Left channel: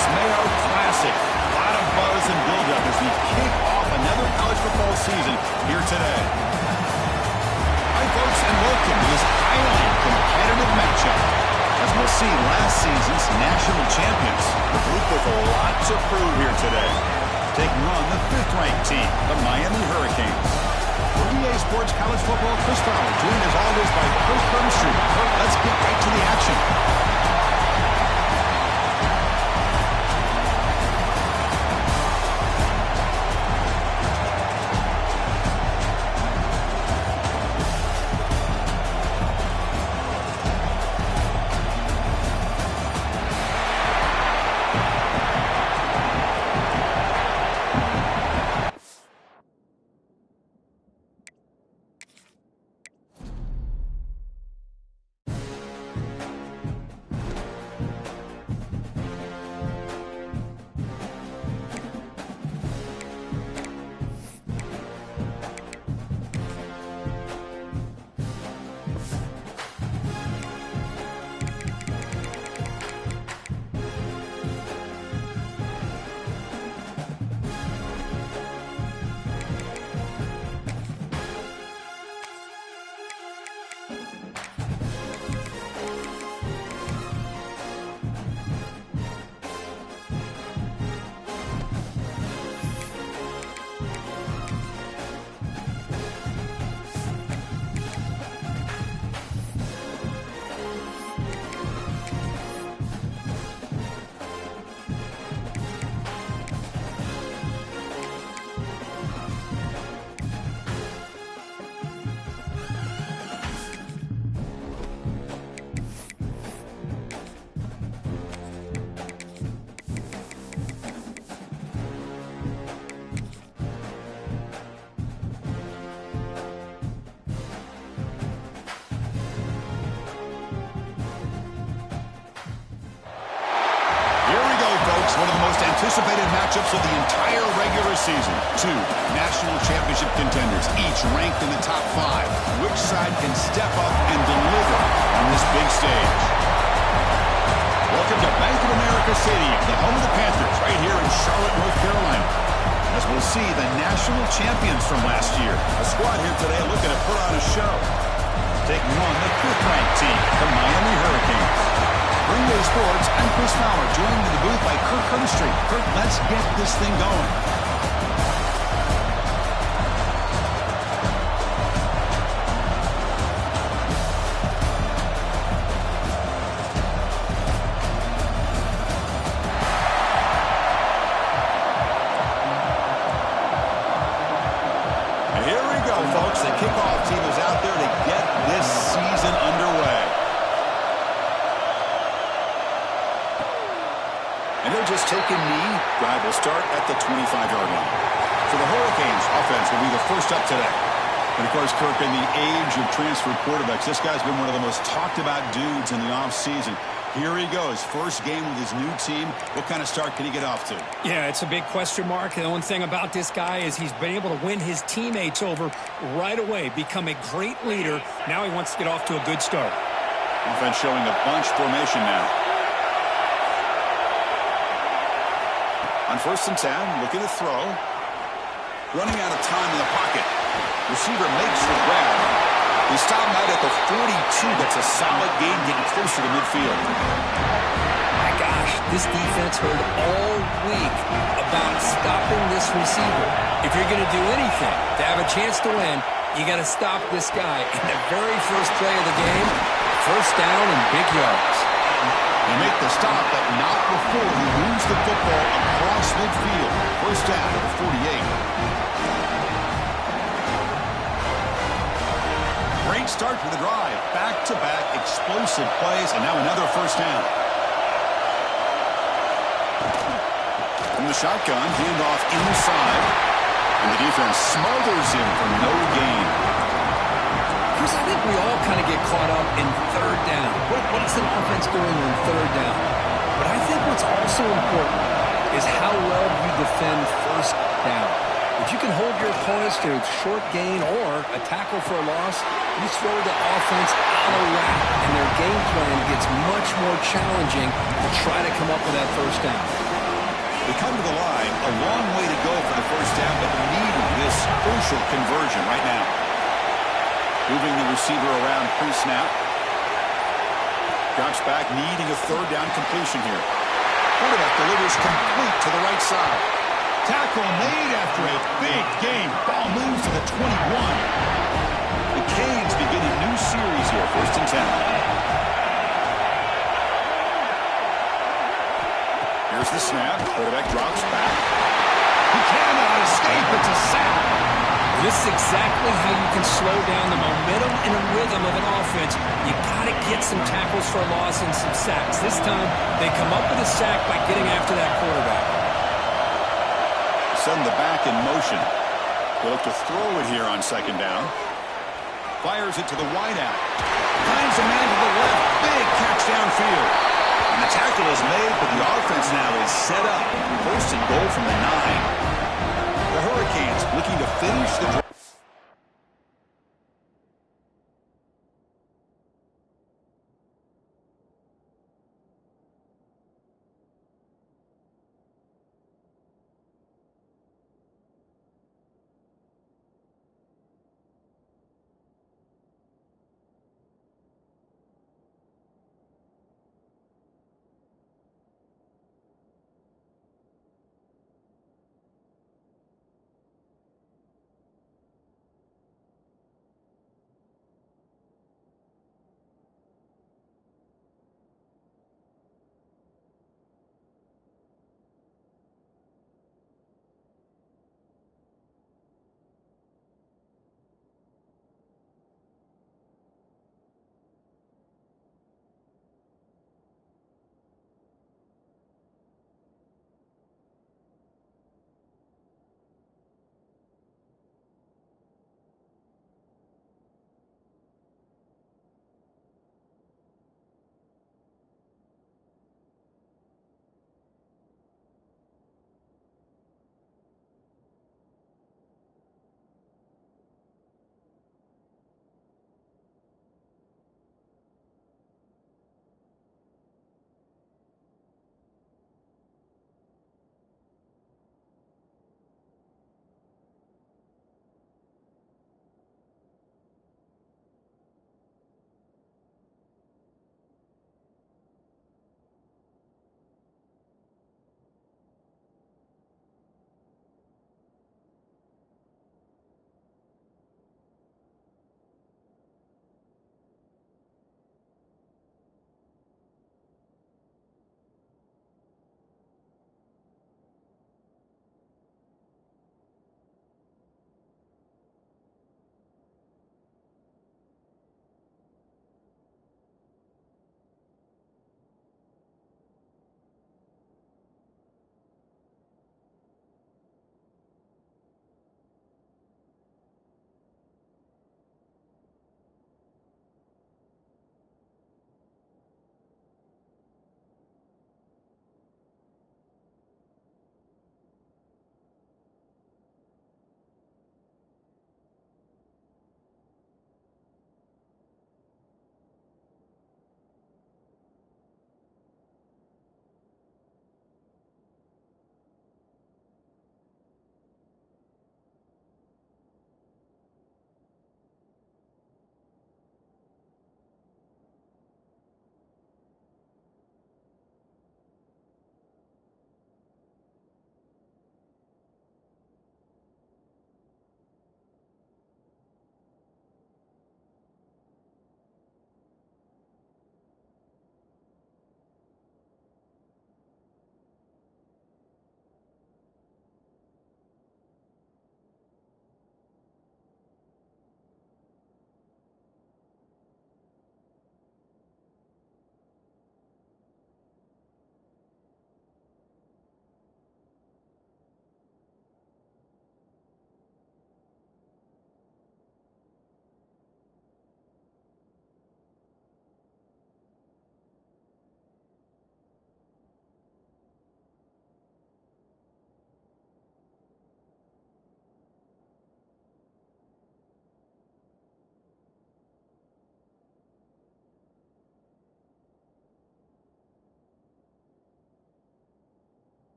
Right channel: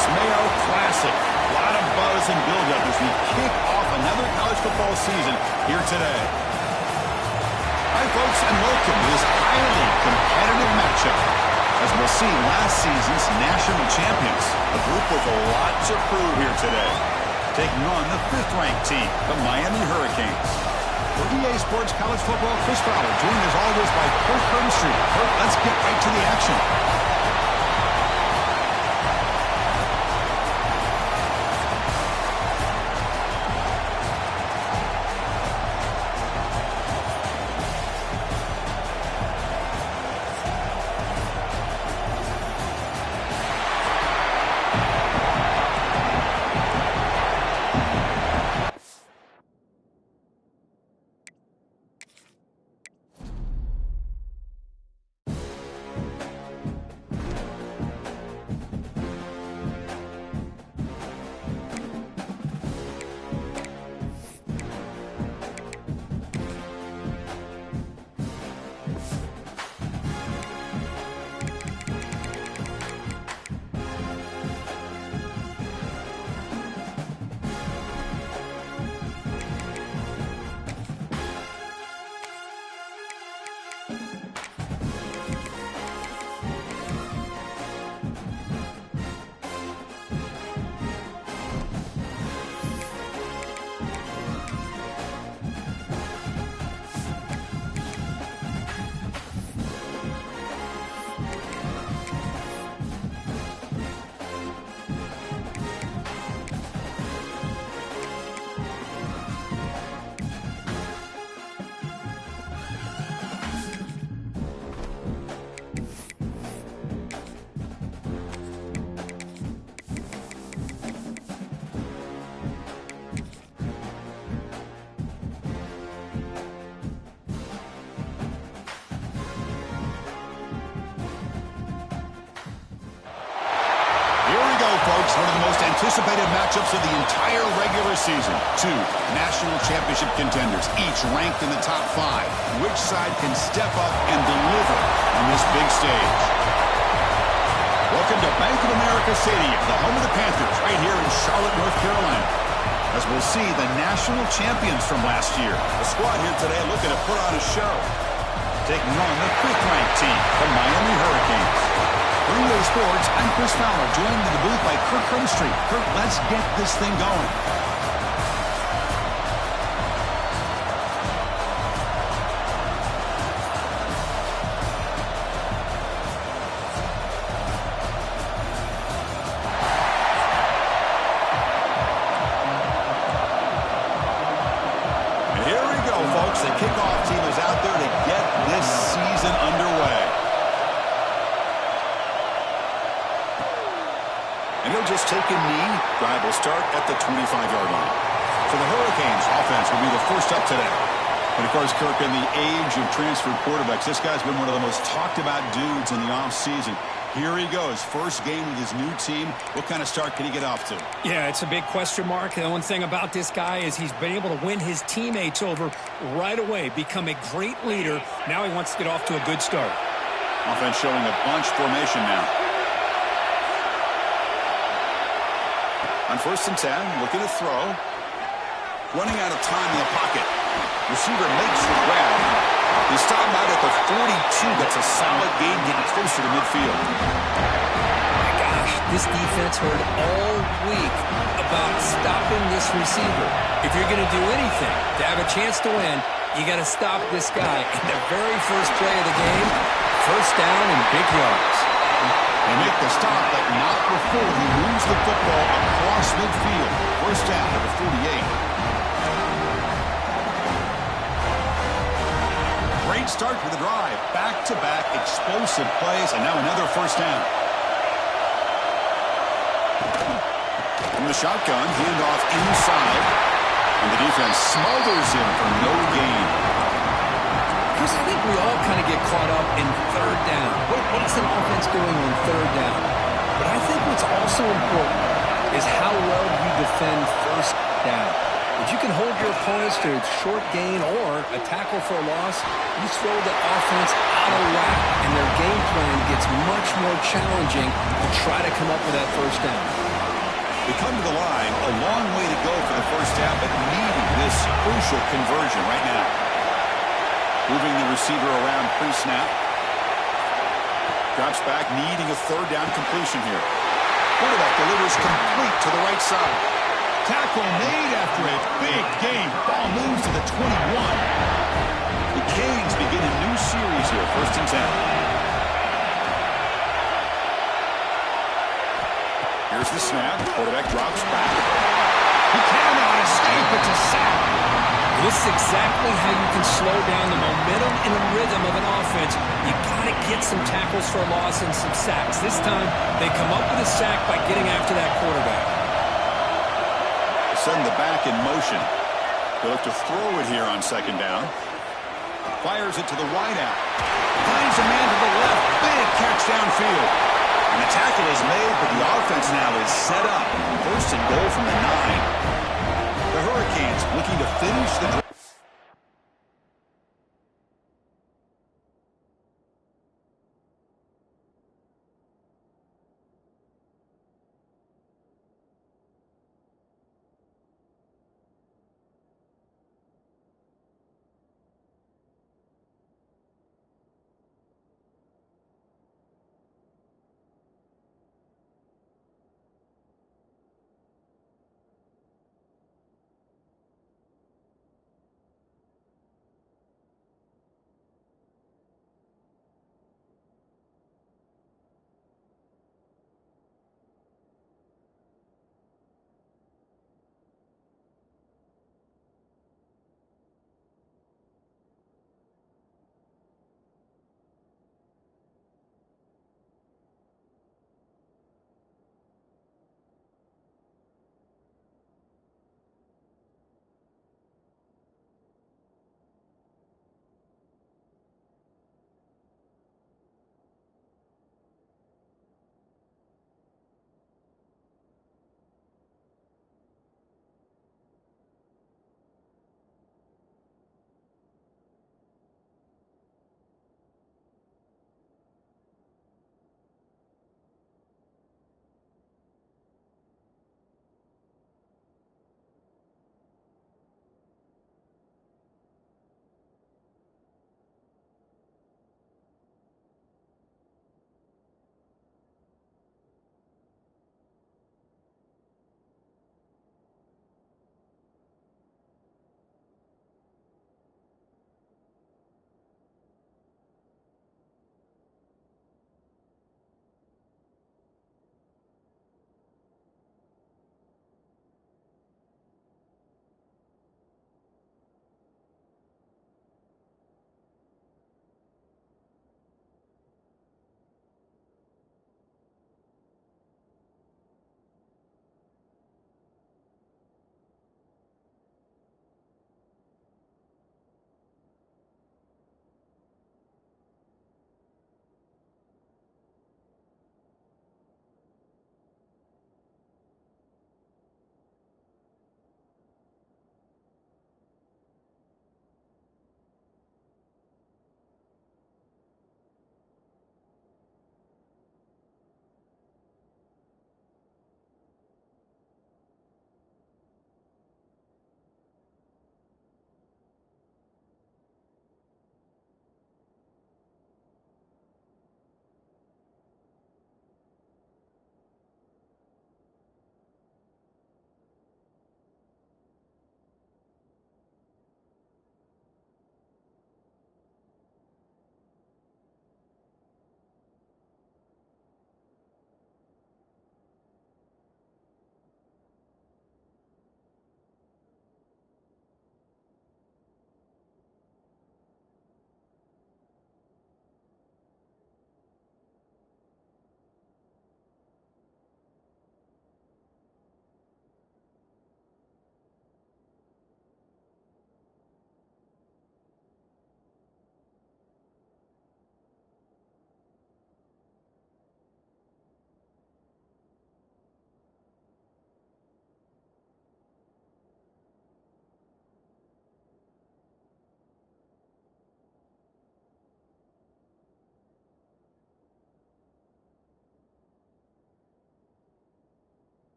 folks, Mayo Classic. A lot of buzz and buildup as we kick off another college football season here today. Hi, folks, and welcome to this highly competitive matchup. As we'll see, last season's national champions, the group with a lot to prove here today. Taking on the 5th-ranked team, the Miami Hurricanes. For EA Sports College Football, Chris Fowler, joined as always by Kirk Street. Kirk, let's get right to the action. Folks, one of the most anticipated matchups of the entire regular season. 2 national championship contenders, each ranked in the top 5. Which side can step up and deliver on this big stage? Welcome to Bank of America Stadium, the home of the Panthers, right here in Charlotte, North Carolina. As we'll see the national champions from last year. A squad here today looking to put on a show. Taking on the 5th-ranked team, the Miami Hurricanes. For EA Sports, I'm Chris Fowler, joined in the booth by Kirk Street. Kirk, let's get this thing going. And here we go, folks. The kickoff team is out there to get this season underway. And he'll just take a knee. Drive will start at the 25-yard line. So the Hurricanes offense will be the first up today. And, of course, Kirk, in the age of transfer quarterbacks, this guy's been one of the most talked-about dudes in the offseason. Here he goes. First game with his new team. What kind of start can he get off to? Yeah, it's a big question mark. The one thing about this guy is he's been able to win his teammates over right away, become a great leader. Now he wants to get off to a good start. Offense showing a bunch formation now. On 1st and 10, looking to throw. Running out of time in the pocket. Receiver makes the grab. He stopped out at the 42. That's a solid gain, getting closer to midfield. My gosh, this defense heard all week about stopping this receiver. If you're going to do anything to have a chance to win, you got to stop this guy. In the very first play of the game, first down and big yards. They make the stop, but not before he moves the football across midfield. First down to the 48. Great start to the drive. Back-to-back explosive plays, and now another first down. From the shotgun, handoff inside, and the defense smothers him for no gain. Chris, I think we all kind of get caught up in third down. What's an offense doing on third down? But I think what's also important is how well you defend first down. If you can hold your opponents to a short gain or a tackle for a loss, you throw the offense out of whack, and their game plan gets much more challenging to try to come up with that first down. They come to the line, a long way to go for the first down, but needing this crucial conversion right now. Moving the receiver around pre-snap. Drops back, needing a third down completion here. Quarterback delivers complete to the right side. Tackle made after a big game. Ball moves to the 21. The Canes begin a new series here, 1st and 10. Here's the snap. Quarterback drops back. He cannot escape. It's a sack. This is exactly how you can slow down the momentum and a rhythm of an offense. You got to get some tackles for a loss and some sacks. This time, they come up with a sack by getting after that quarterback. Send the back in motion. They'll look to throw it here on 2nd down. Fires it to the wideout. Finds a man to the left. Big catch downfield. And the tackle is made, but the offense now is set up. 1st and goal from the 9. The Hurricanes looking to finish the drive.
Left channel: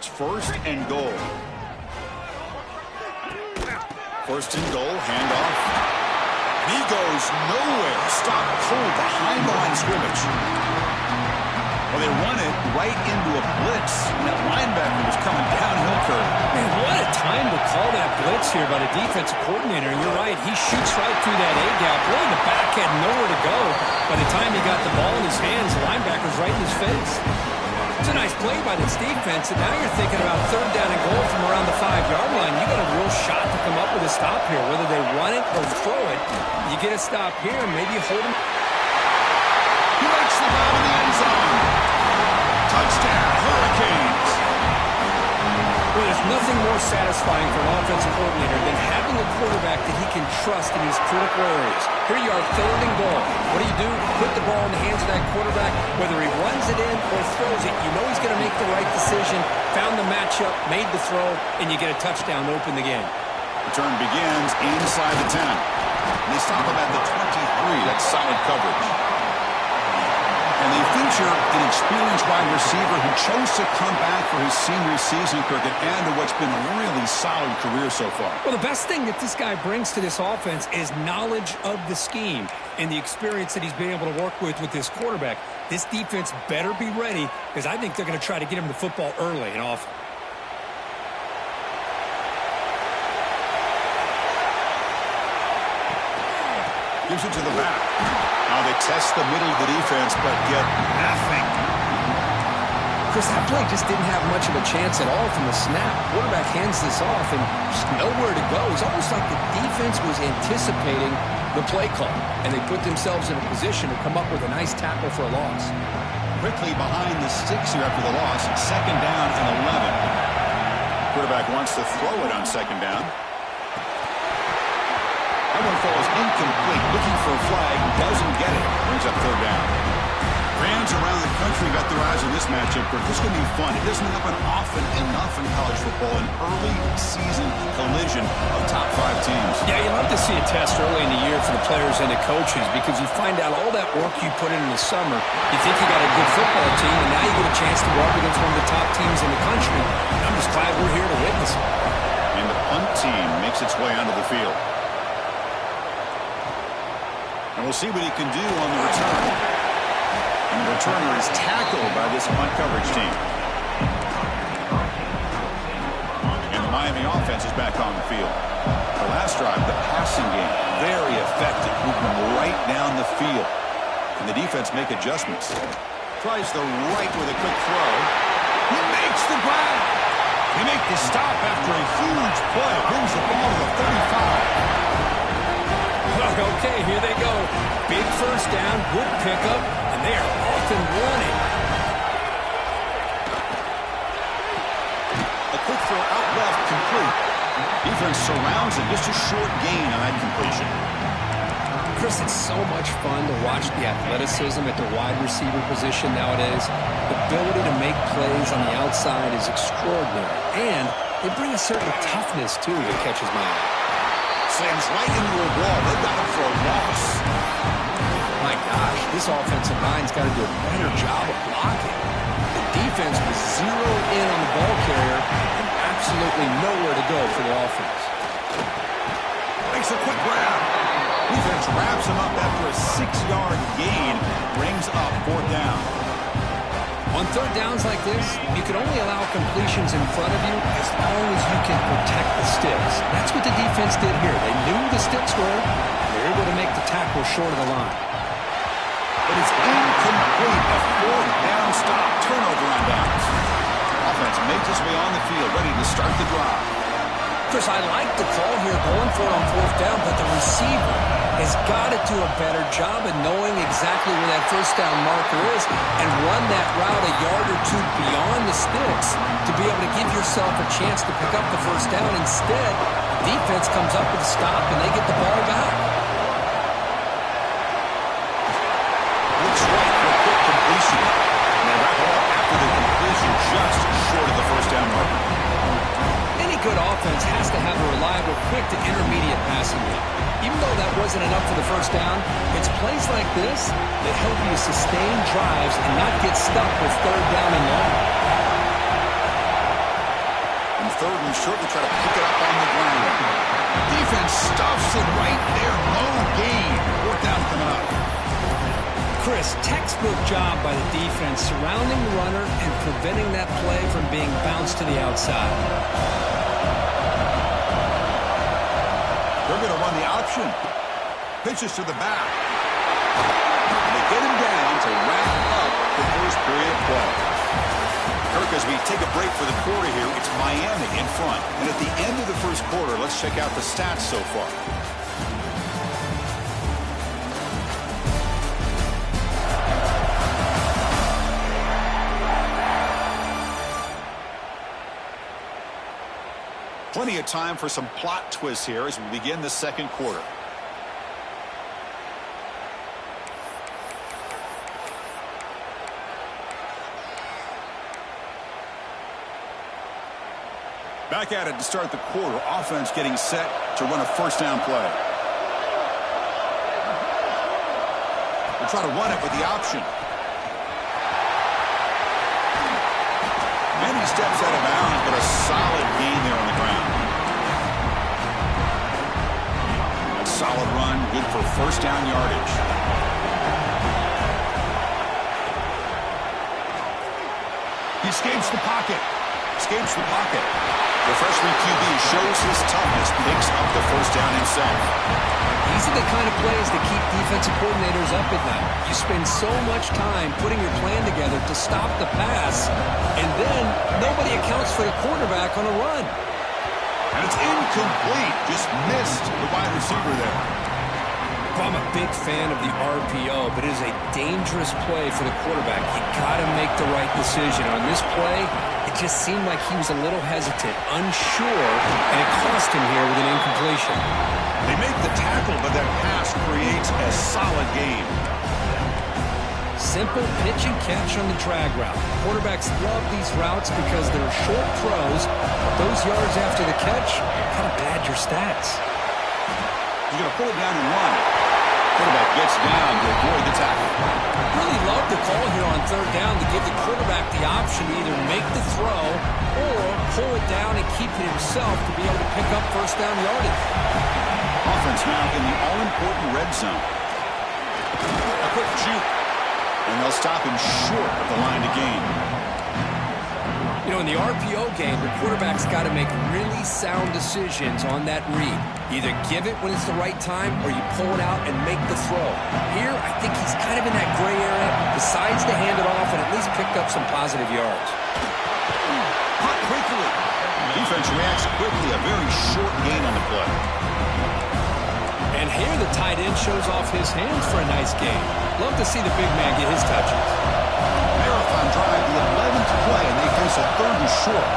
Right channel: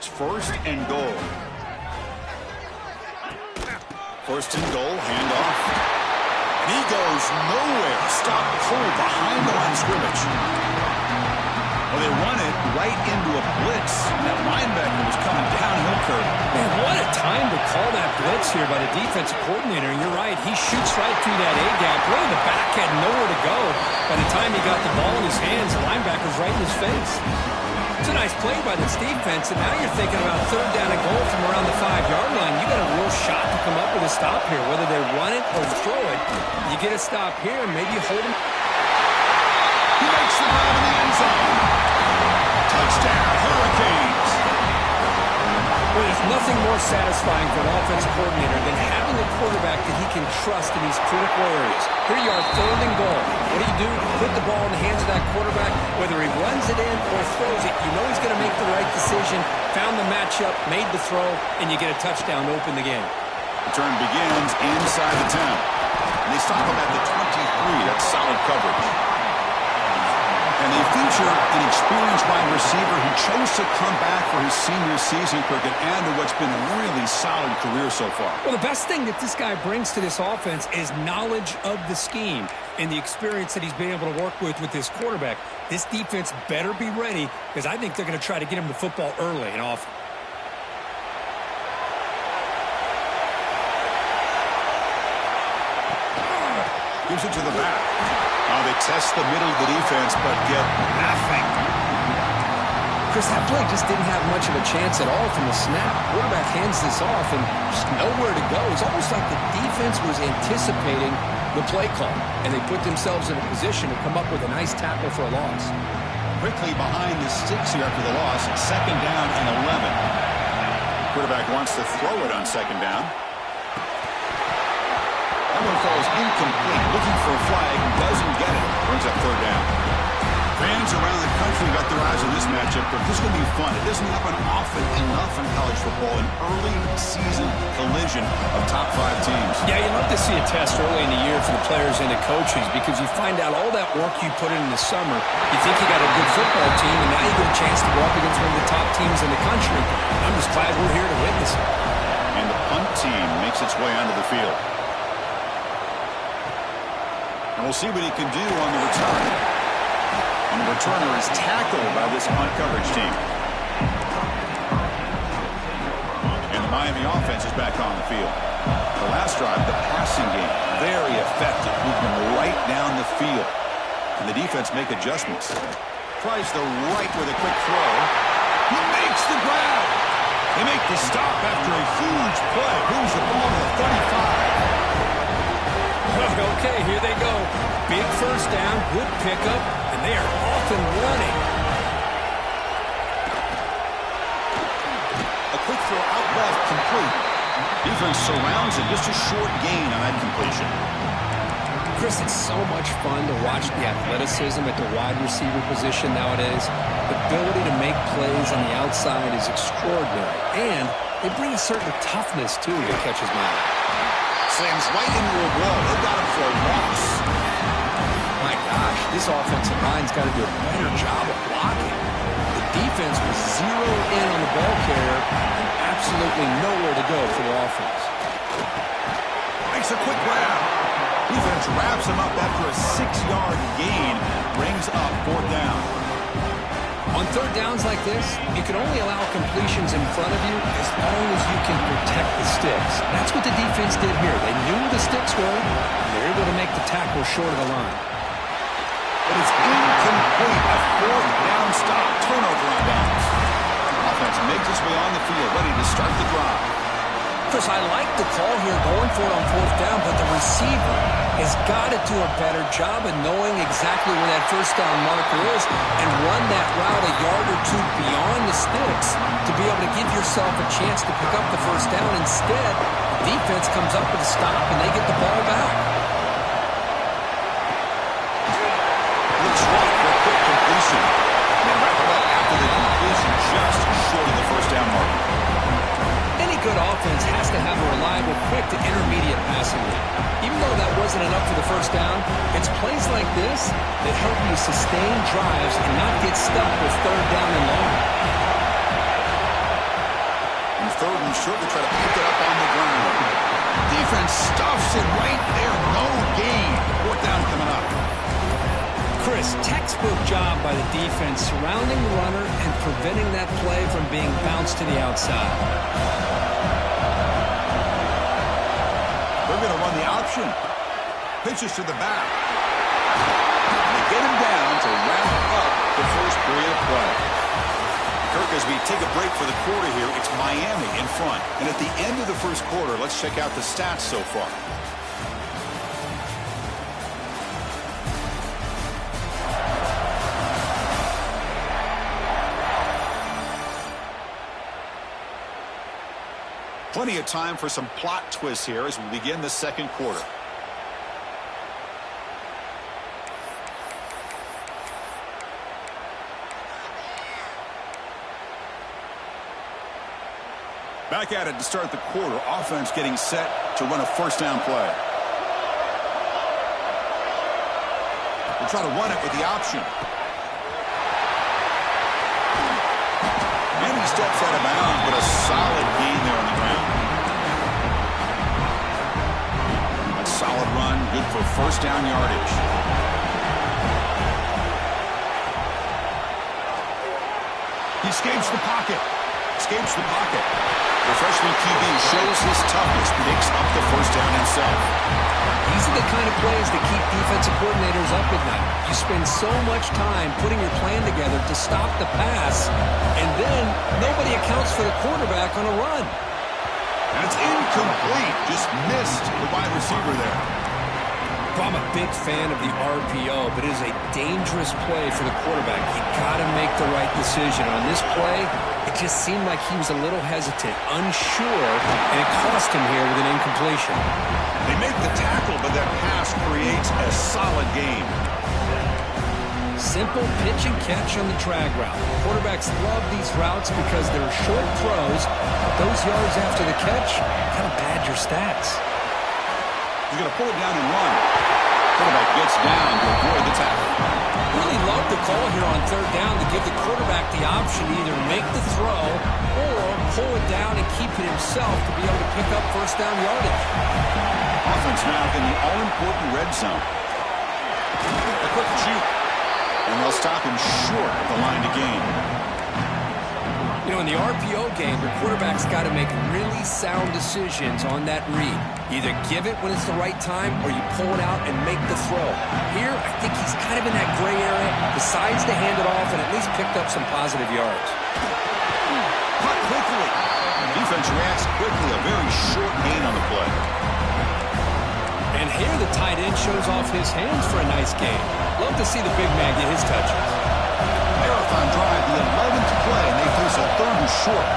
It's 1st and goal. 1st and goal, handoff. And he goes nowhere. Stop cold behind the line of scrimmage. Well, they run it right into a blitz. And that linebacker was coming downhill, Kurt. Man, what a time to call that blitz here by the defensive coordinator. And you're right, he shoots right through that A-gap. Really, the back had nowhere to go. By the time he got the ball in his hands, the linebacker's right in his face. It's a nice play by this defense, and now you're thinking about 3rd down and goal from around the 5-yard line. You got a real shot to come up with a stop here. Whether they run it or throw it, you get a stop here, and maybe you hold him. He makes the grab in the end zone. Touchdown, Hurricanes. Well, there's nothing more satisfying for an offensive coordinator than having a quarterback that he can trust in these critical areas. Here you are, 3rd and goal. What do? Put the ball in the hands of that quarterback. Whether he runs it in or throws it, you know he's going to make the right decision. Found the matchup, made the throw, and you get a touchdown to open the game. Return begins inside the 10. And they stop him at the 23. That's solid coverage. And they feature an experienced wide receiver who chose to come back for his senior season, Kirk, and add to what's been a really solid career so far. Well, the best thing that this guy brings to this offense is knowledge of the scheme and the experience that he's been able to work with this quarterback. This defense better be ready, because I think they're going to try to get him the football early and often. Gives it to the back. Now they test the middle of the defense, but get nothing. Chris, that play just didn't have much of a chance at all from the snap. Quarterback hands this off and just nowhere to go. It's almost like the defense was anticipating the play call, and they put themselves in a position to come up with a nice tackle for a loss. Quickly behind the sticks here after the loss. 2nd down and 11. Quarterback wants to throw it on 2nd down. That one falls incomplete. Looking for a flag. Doesn't get it. Brings up 3rd down. Fans around the country got their eyes on this matchup, but this is going to be fun. It doesn't happen often enough in college football, an early season collision of top 5 teams. Yeah, you love to see a test early in the year for the players and the coaches, because you find out all that work you put in the summer. You think you got a good football team, and now you get a chance to go up against one of the top teams in the country. And I'm just glad we're here to witness it. And the punt team makes its way onto the field. And we'll see what he can do on the return. And the returner is tackled by this punt coverage team. And the Miami offense is back on the field. The last drive, the passing game, very effective. Moved them right down the field. Can the defense make adjustments? Tries the right with a quick throw. He makes the grab. They make the stop after a huge play. Brings the ball to the 35. Okay, here they go. Big 1st down, good pickup, and they are off and running. A quick throw out left, complete. Defense surrounds it, just a short gain on that completion. Chris, it's so much fun to watch the athleticism at the wide receiver position nowadays. The ability to make plays on the outside is extraordinary, and they bring a certain toughness, too, that catches my eye. Slams right into a wall. They got him for a loss. My gosh, this offensive line's got to do a better job of blocking. The defense was zeroed in on the ball carrier and absolutely nowhere to go for the offense. Makes a quick grab. Defense wraps him up after a 6-yard gain. Brings up 4th down. On 3rd downs like this, you can only allow completions in front of you as long as you can protect the sticks. That's what the defense did here. They knew where the sticks were, and they were able to make the tackle short of the line. But it's incomplete. A 4th down stop. Turnover on downs. Offense makes its way on the field, ready to start the drive. Chris, I like the call here going for it on 4th down, but the receiver has got to do a better job of knowing exactly where that 1st down marker is and run that route a yard or 2 beyond the sticks to be able to give yourself a chance to pick up the 1st down. Instead, the defense comes up with a stop and they get the ball back. Looks right for a quick completion. And they wrap it up after the completion just short of the 1st down marker. Any good offense has to have a reliable, quick to intermediate passing game. Even though that wasn't enough for the 1st down, it's plays like this that help you sustain drives and not get stuck with 3rd down and long. third and short to try to pick it up on the ground. Defense stuffs it right there. No gain. Fourth down coming up. Chris, textbook job by the defense surrounding the runner and preventing that play from being bounced to the outside. They're going to run the option. Pitches to the back. They get him down to wrap up the first period of play. Kirk, as we take a break for the quarter here, it's Miami in front. And at the end of the first quarter, let's check out the stats so far. Plenty of time for some plot twists here as we begin the second quarter. Back at it to start the quarter. Offense getting set to run a first down play. We'll try to run it with the option. And he steps out of bounds, but a solid gain there on the ground. A solid run, good for first down yardage. He escapes the pocket. Escapes the pocket. The freshman QB shows his toughness, picks up the first down himself. These are the kind of plays that keep defensive coordinators up at night. You spend so much time putting your plan together to stop the pass, and then nobody accounts for the quarterback on a run. And it's incomplete. Just missed the wide receiver there. I'm a big fan of the RPO, but it is a dangerous play for the quarterback. You got to make the right decision. On this play, it just seemed like he was a little hesitant, unsure, and it cost him here with an incompletion. They make the tackle, but that pass creates a solid gain. Simple pitch and catch on the drag route. Quarterbacks love these routes because they're short throws, but those yards after the catch kind of pad your stats. He's going to pull it down and run. Quarterback gets down to avoid the tackle. Really love the call here on third down to give the quarterback the option to either make the throw or pull it down and keep it himself to be able to pick up first down yardage. Offense now in the all-important red zone. A quick juke. And they'll stop him short of the line to gain. You know, in the RPO game, the quarterback's got to make really sound decisions on that read. Either give it when it's the right time or you pull it out and make the throw. Here, I think he's kind of in that gray area, decides to hand it off and at least picked up some positive yards. Caught quickly. Defense reacts quickly. A very short gain on the play. And here the tight end shows off his hands for a nice gain. Love to see the big man get his touches. Marathon drive, the 11th play, and they face a third and short.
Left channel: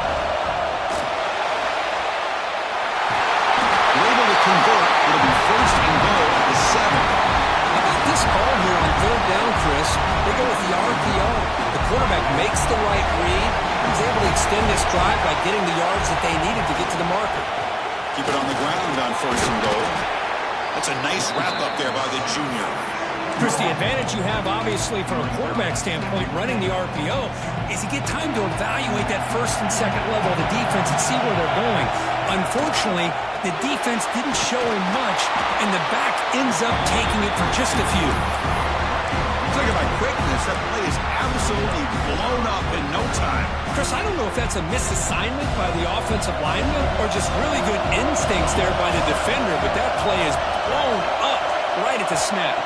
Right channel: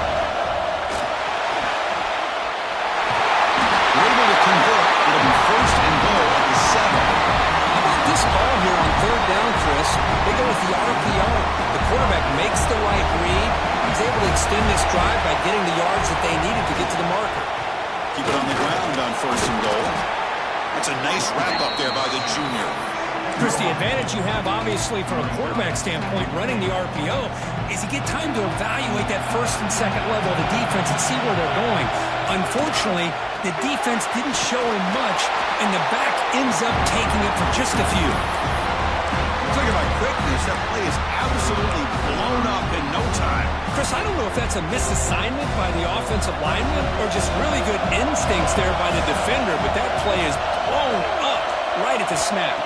We're able to convert. It'll be first and goal at the 7. How about this call here on third down, Chris? They go with the RPO. The quarterback makes the right read. He's able to extend this drive by getting the yards that they needed to get to the marker. Keep it on the ground on first and goal. That's a nice wrap-up there by the junior. Chris, the advantage you have, obviously, from a quarterback standpoint, running the RPO, is you get time to evaluate that first and second level of the defense and see where they're going. Unfortunately, the defense didn't show him much, and the back ends up taking it for just a few. Look at my quickness. That play is absolutely blown up in no time. Chris, I don't know if that's a misassignment by the offensive lineman or just really good instincts there by the defender, but that play is blown up right at the snap.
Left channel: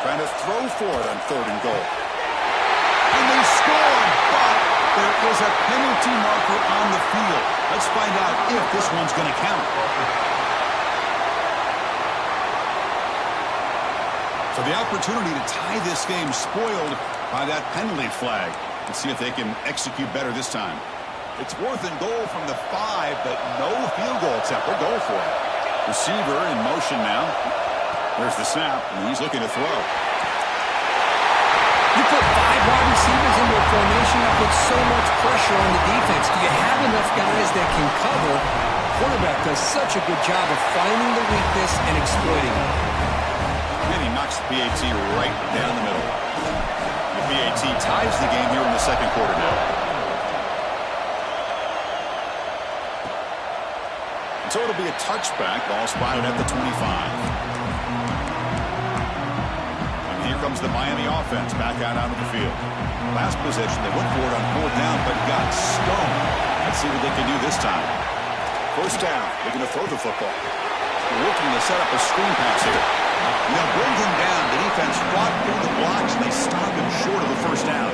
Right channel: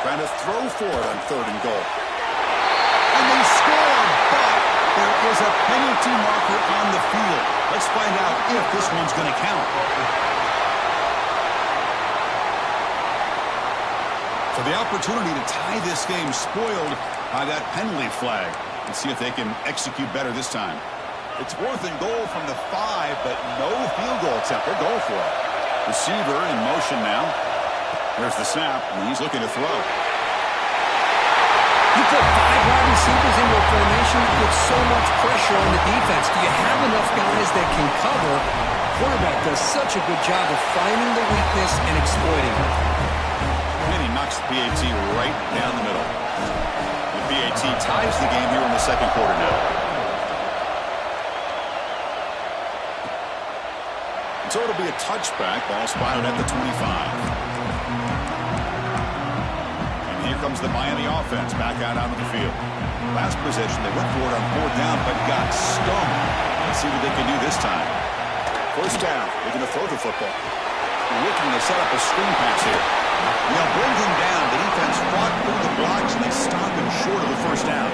Trying to throw for it on third and goal. And they scored, but there is a penalty marker on the field. Let's find out if this one's going to count. So the opportunity to tie this game spoiled by that penalty flag. Let's see if they can execute better this time. It's fourth and goal from the 5, but no field goal attempt. They're going for it. Receiver in motion now. There's the snap, and he's looking to throw. You put 5 wide receivers into a formation that puts so much pressure on the defense. Do you have enough guys that can cover? Quarterback does such a good job of finding the weakness and exploiting it. And he knocks the PAT right down the middle. The PAT ties the game here in the second quarter now. So it'll be a touchback. Ball spotted at the 25. And here comes the Miami offense back out onto the field. Last possession, they went for it on 4th down, but got stoned. Let's see what they can do this time. 1st down. They're going to throw the football. They're looking to set up a screen pass here. They'll bring him down. The defense fought through the blocks, and they stop him short of the 1st down.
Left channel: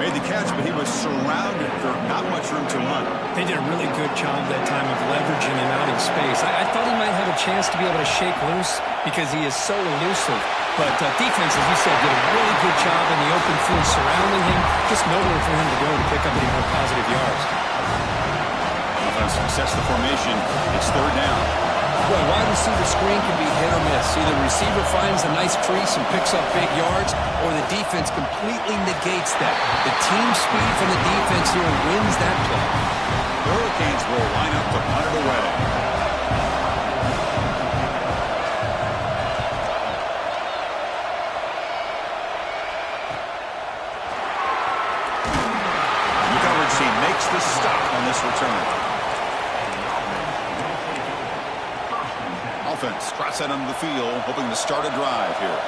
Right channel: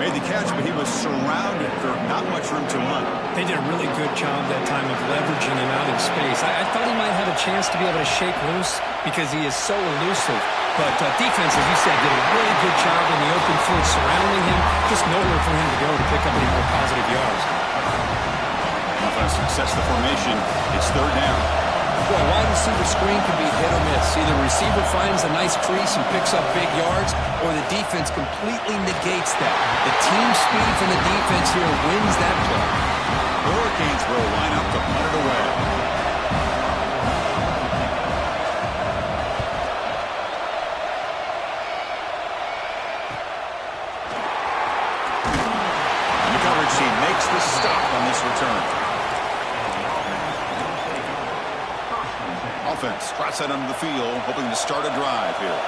Made the catch, but he was surrounded for not much room to run. They did a really good job that time of leveraging him out in space. I thought he might have a chance to be able to shake loose because he is so elusive. But defense, as you said, did a really good job in the open field surrounding him. Just nowhere for him to go to pick up any more positive yards. Offense sets the formation. It's 3rd down. Boy, wide receiver screen can be hit or miss. Either the receiver finds a nice crease and picks up big yards, or the defense completely negates that. The team speed from the defense here wins that play. The Hurricanes will line up to punt it away. And the coverage team makes the stop on this return. Offense trots out onto the field, hoping to start a drive here.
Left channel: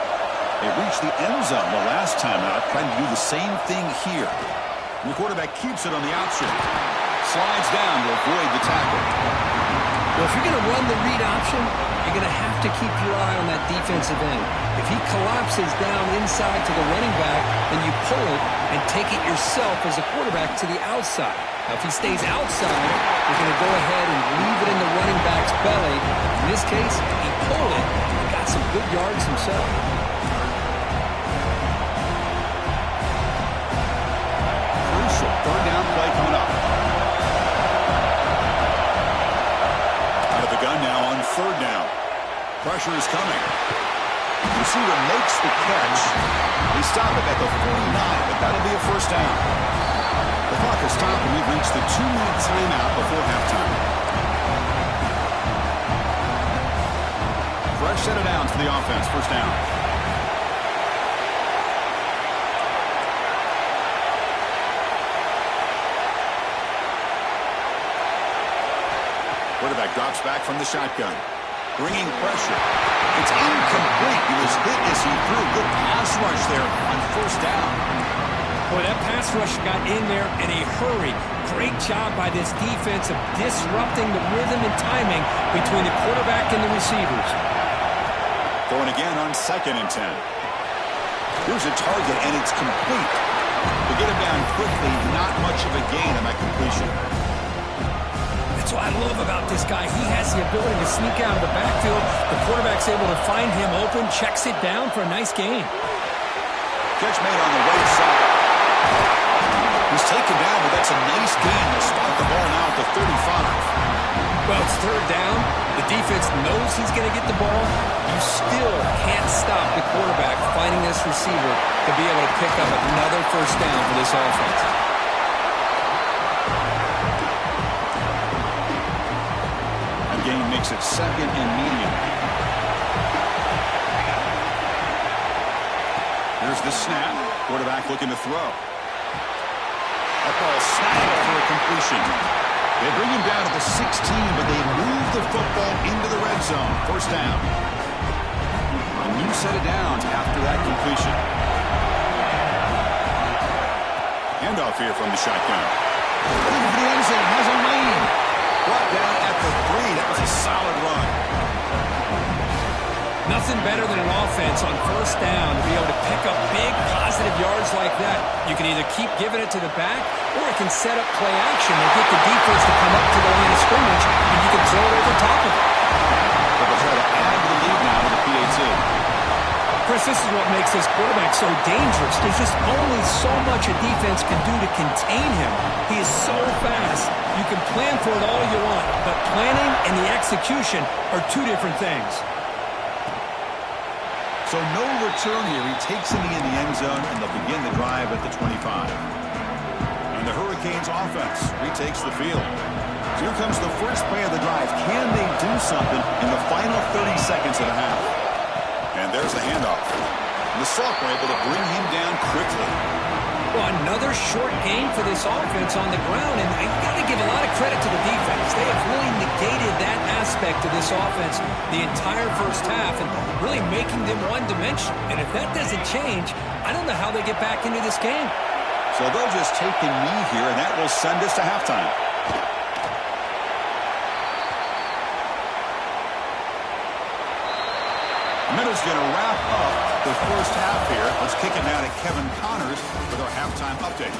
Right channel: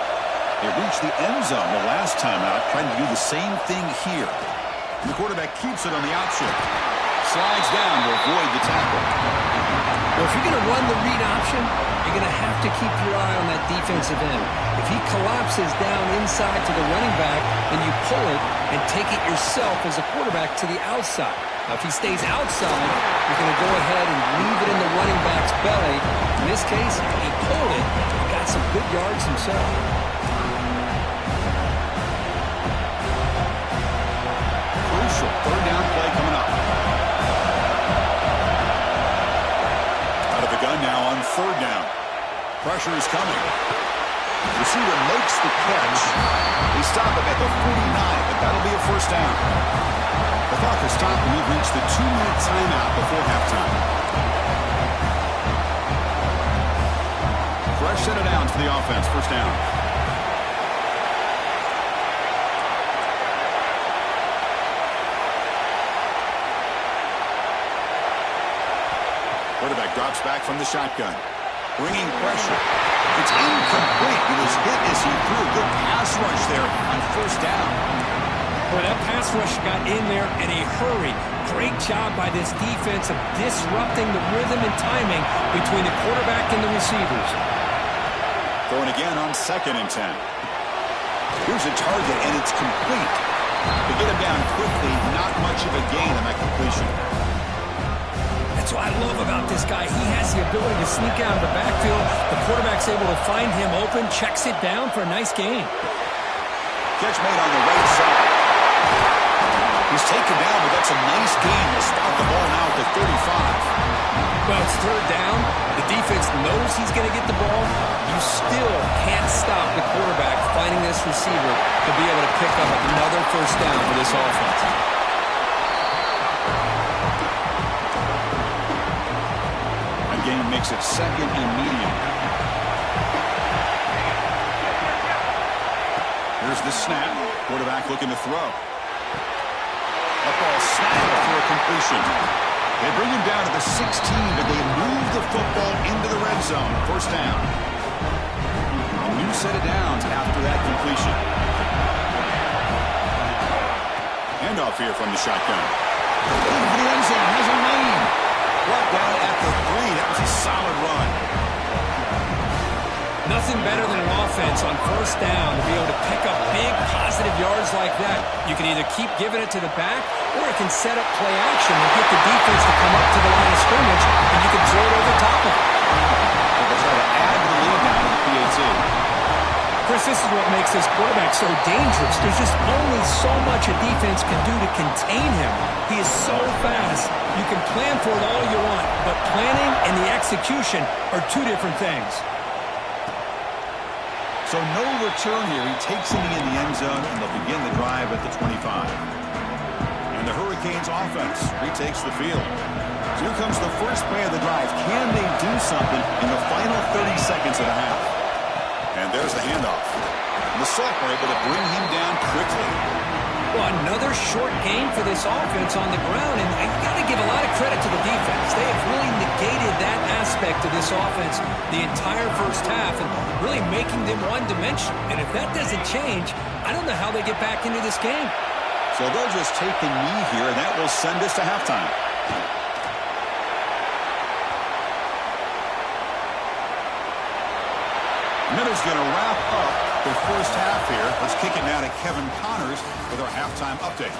They reached the end zone the last time out, trying to do the same thing here. And the quarterback keeps it on the option. Slides down to avoid the tackle. Well, if you're going to run the read option, you're going to have to keep your eye on that defensive end. If he collapses down inside to the running back, then you pull it and take it yourself as a quarterback to the outside. Now, if he stays outside, you're going to go ahead and leave it in the running back's belly. In this case, he pulled it and got some good yards himself. Crucial 3rd down play coming up. Out of the gun now on 3rd down. Pressure is coming. The receiver makes the catch. They stop it at the 49, but that'll be a 1st down. The clock has stopped, and we've reached the 2-minute timeout before halftime. Fresh set of downs for the offense. 1st down. Quarterback drops back from the shotgun. Bringing pressure. It's incomplete. He was hit as he threw. Good pass rush there on 1st down. Boy, that pass rush got in there in a hurry. Great job by this defense of disrupting the rhythm and timing between the quarterback and the receivers. Throwing again on 2nd and 10. Here's a target, and it's complete. To get him down quickly, not much of a gain on that completion. That's what I love about this guy. He has the ability to sneak out of the backfield. The quarterback's able to find him open, checks it down for a nice gain. Catch made on the right side. He's taken down, but that's a nice gain. They'll start the ball now at the 35. Well, it's 3rd down. The defense knows he's going to get the ball. You still can't stop the quarterback finding this receiver to be able to pick up another 1st down for this offense. That gain makes it 2nd and medium. Here's the snap. Quarterback looking to throw. That ball snagged for a completion. They bring him down to the 16, but they move the football into the red zone. 1st down. A new set of downs after that completion. Handoff here from the shotgun. Looking for the end zone. Has a lane. Brought down at the 3. That was a solid run. Nothing better than an offense on 1st down to be able to pick up big positive yards like that. You can either keep giving it to the back, or it can set up play action and get the defense to come up to the line of scrimmage, and you can throw it over top of it. But they'll try to add to the lead now to the PAT. Chris, this is what makes this quarterback so dangerous. There's just only so much a defense can do to contain him. He is so fast. You can plan for it all you want, but planning and the execution are two different things. So no return here. He takes it in the end zone, and they'll begin the drive at the 25. And the Hurricanes offense retakes the field. So here comes the first play of the drive. Can they do something in the final 30 seconds of the half? And there's the handoff. And the Sauk were able to bring him down quickly. Well, another short game for this offense on the ground, and you got to give a lot of credit to the defense. They have really negated that aspect of this offense the entire first half and really making them one-dimensional. And if that doesn't change, I don't know how they get back into this game. So they'll just take a knee here, and that will send us to halftime. A minute's going to wrap up the first half here. Let's kick it now to Kevin Connors with our halftime update.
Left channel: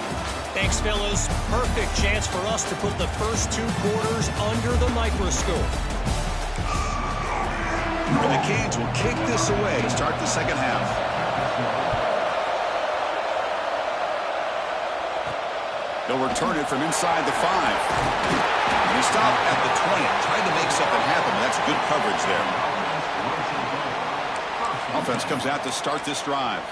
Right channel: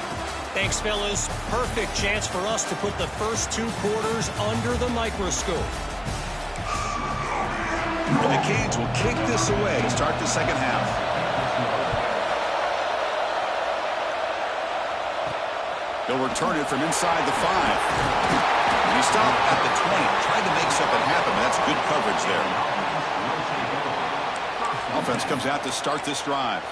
Thanks, fellas. Perfect chance for us to put the first 2 quarters under the microscope. And the Canes will kick this away to start the second half. They'll return it from inside the 5. And he stopped at the 20. Tried to make something happen, but that's good coverage there. Offense comes out to start this drive.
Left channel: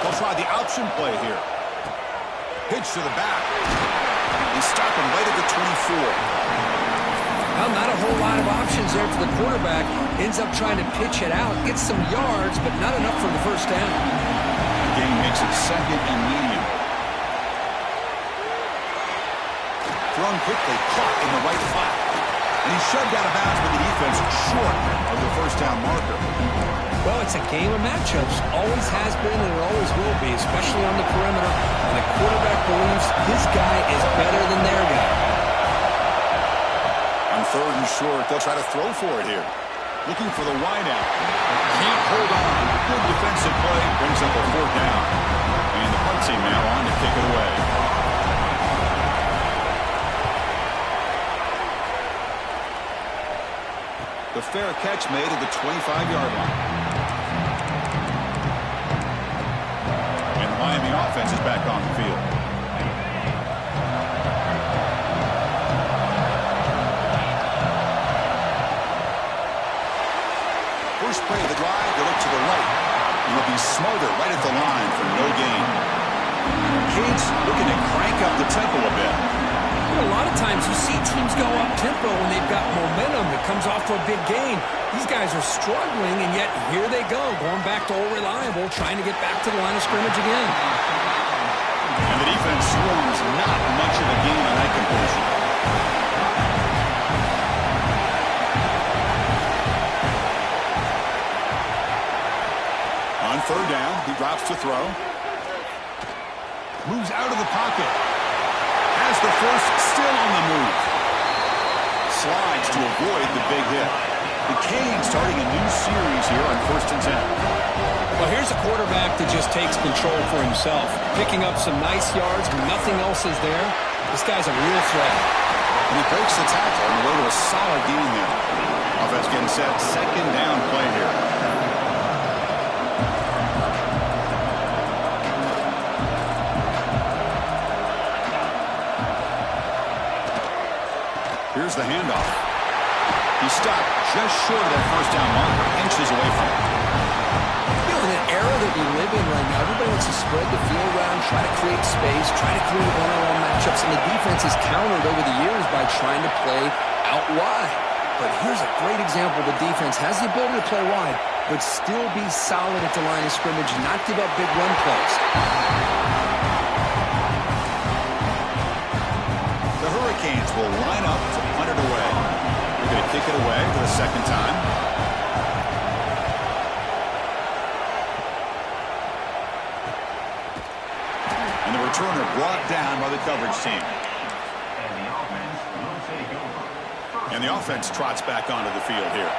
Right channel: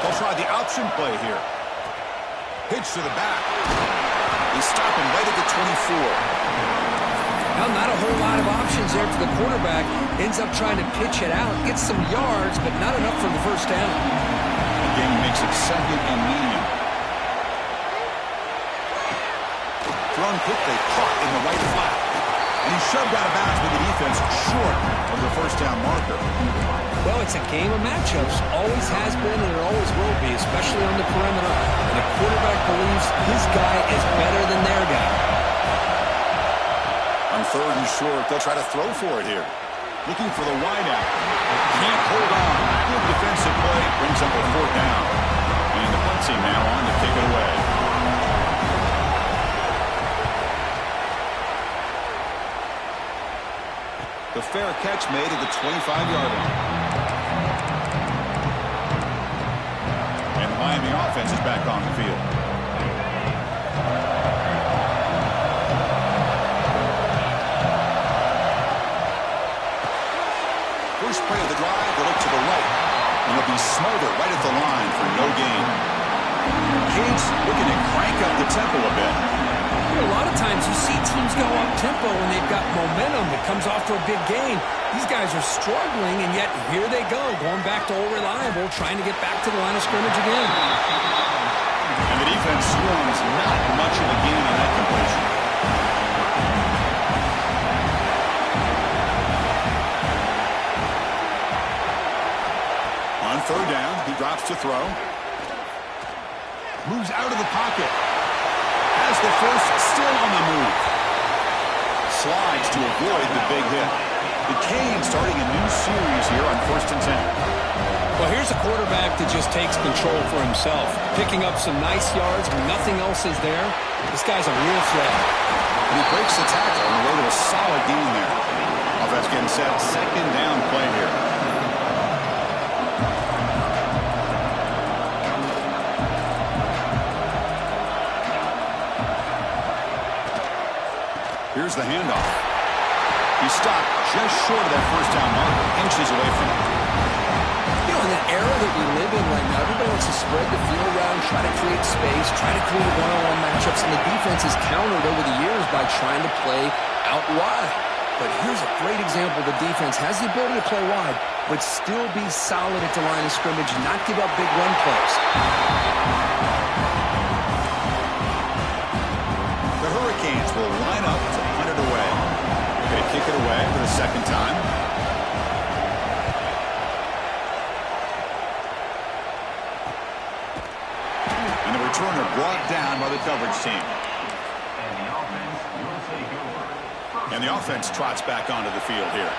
They'll try the option play here. Pitch to the back. He's stopping right at the 24. Well, not a whole lot of options there for the quarterback. Ends up trying to pitch it out, gets some yards, but not enough for the first down. The game makes it second and medium. Thrown quickly, caught in the right flat. And he's shoved out of bounds with the defense short of the first down marker. Well, it's a game of matchups. Always has been and it always will be, especially on the perimeter. And the quarterback believes his guy is better than their guy. On third and short, they'll try to throw for it here. Looking for the wideout. Can't hold on. Good defensive play. Brings up a 4th down. And the punt team now on to kick it away. The fair catch made at the 25-yard line. And the Miami offense is back on the field. First play of the drive, they look to the right. And it'll be Smother right at the line for no gain. Canes looking to crank up the tempo a bit. You know, a lot of times you see teams go up-tempo when they've got momentum that comes off to a big gain. These guys are struggling, and yet here they go, going back to old reliable, trying to get back to the line of scrimmage again. And the defense swarms not much of a gain on that completion. On third down, he drops to throw. Moves out of the pocket. Has the first, still on the move. Slides to avoid the big hit. The Canes starting a new series here on 1st and 10. Well, here's a quarterback that just takes control for himself. Picking up some nice yards when nothing else is there. This guy's a real threat. And he breaks the tackle on the way to a solid gain there. Offense getting set. Second down play here. Here's the handoff. He stopped just short of that first down marker, inches away from it. You know, in that era that we live in right now, everybody wants to spread the field around, try to create space, try to create one-on-one matchups, and the defense has countered over the years by trying to play out wide. But here's a great example. The defense has the ability to play wide, but still be solid at the line of scrimmage, not give up big run plays. The Hurricanes will line up to punt it away. They're going to kick it away for the second time. And the returner brought down by the coverage team. And the offense trots back onto the field here.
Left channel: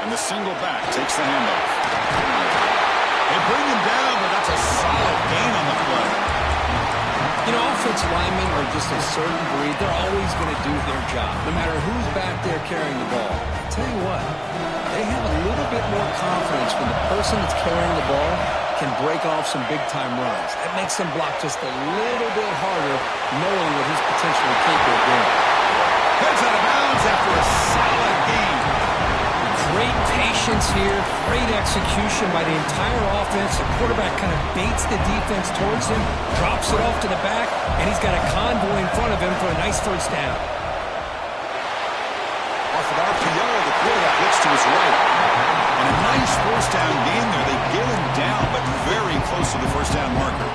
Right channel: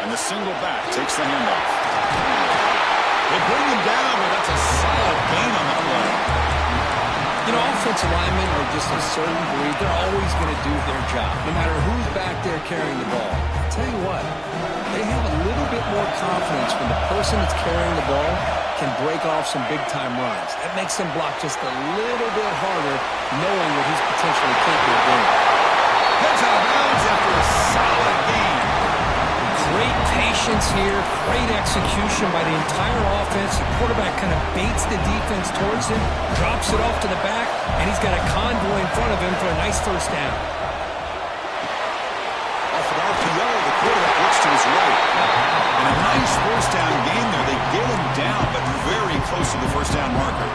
And the single back takes the handoff. They bring him down, but that's a solid gain on the play. You know, offensive linemen are just a certain breed. They're always going to do their job, no matter who's back there carrying the ball. I'll tell you what, they have a little bit more confidence when the person that's carrying the ball can break off some big-time runs. That makes them block just a little bit harder, knowing what he's potentially capable of doing. Heads out of bounds after a solid gain. Great patience here, great execution by the entire offense. The quarterback kind of baits the defense towards him, drops it off to the back, and he's got a convoy in front of him for a nice first down. Off an RPO, the quarterback looks to his right. And a nice first down gain there. They get him down, but very close to the first down marker.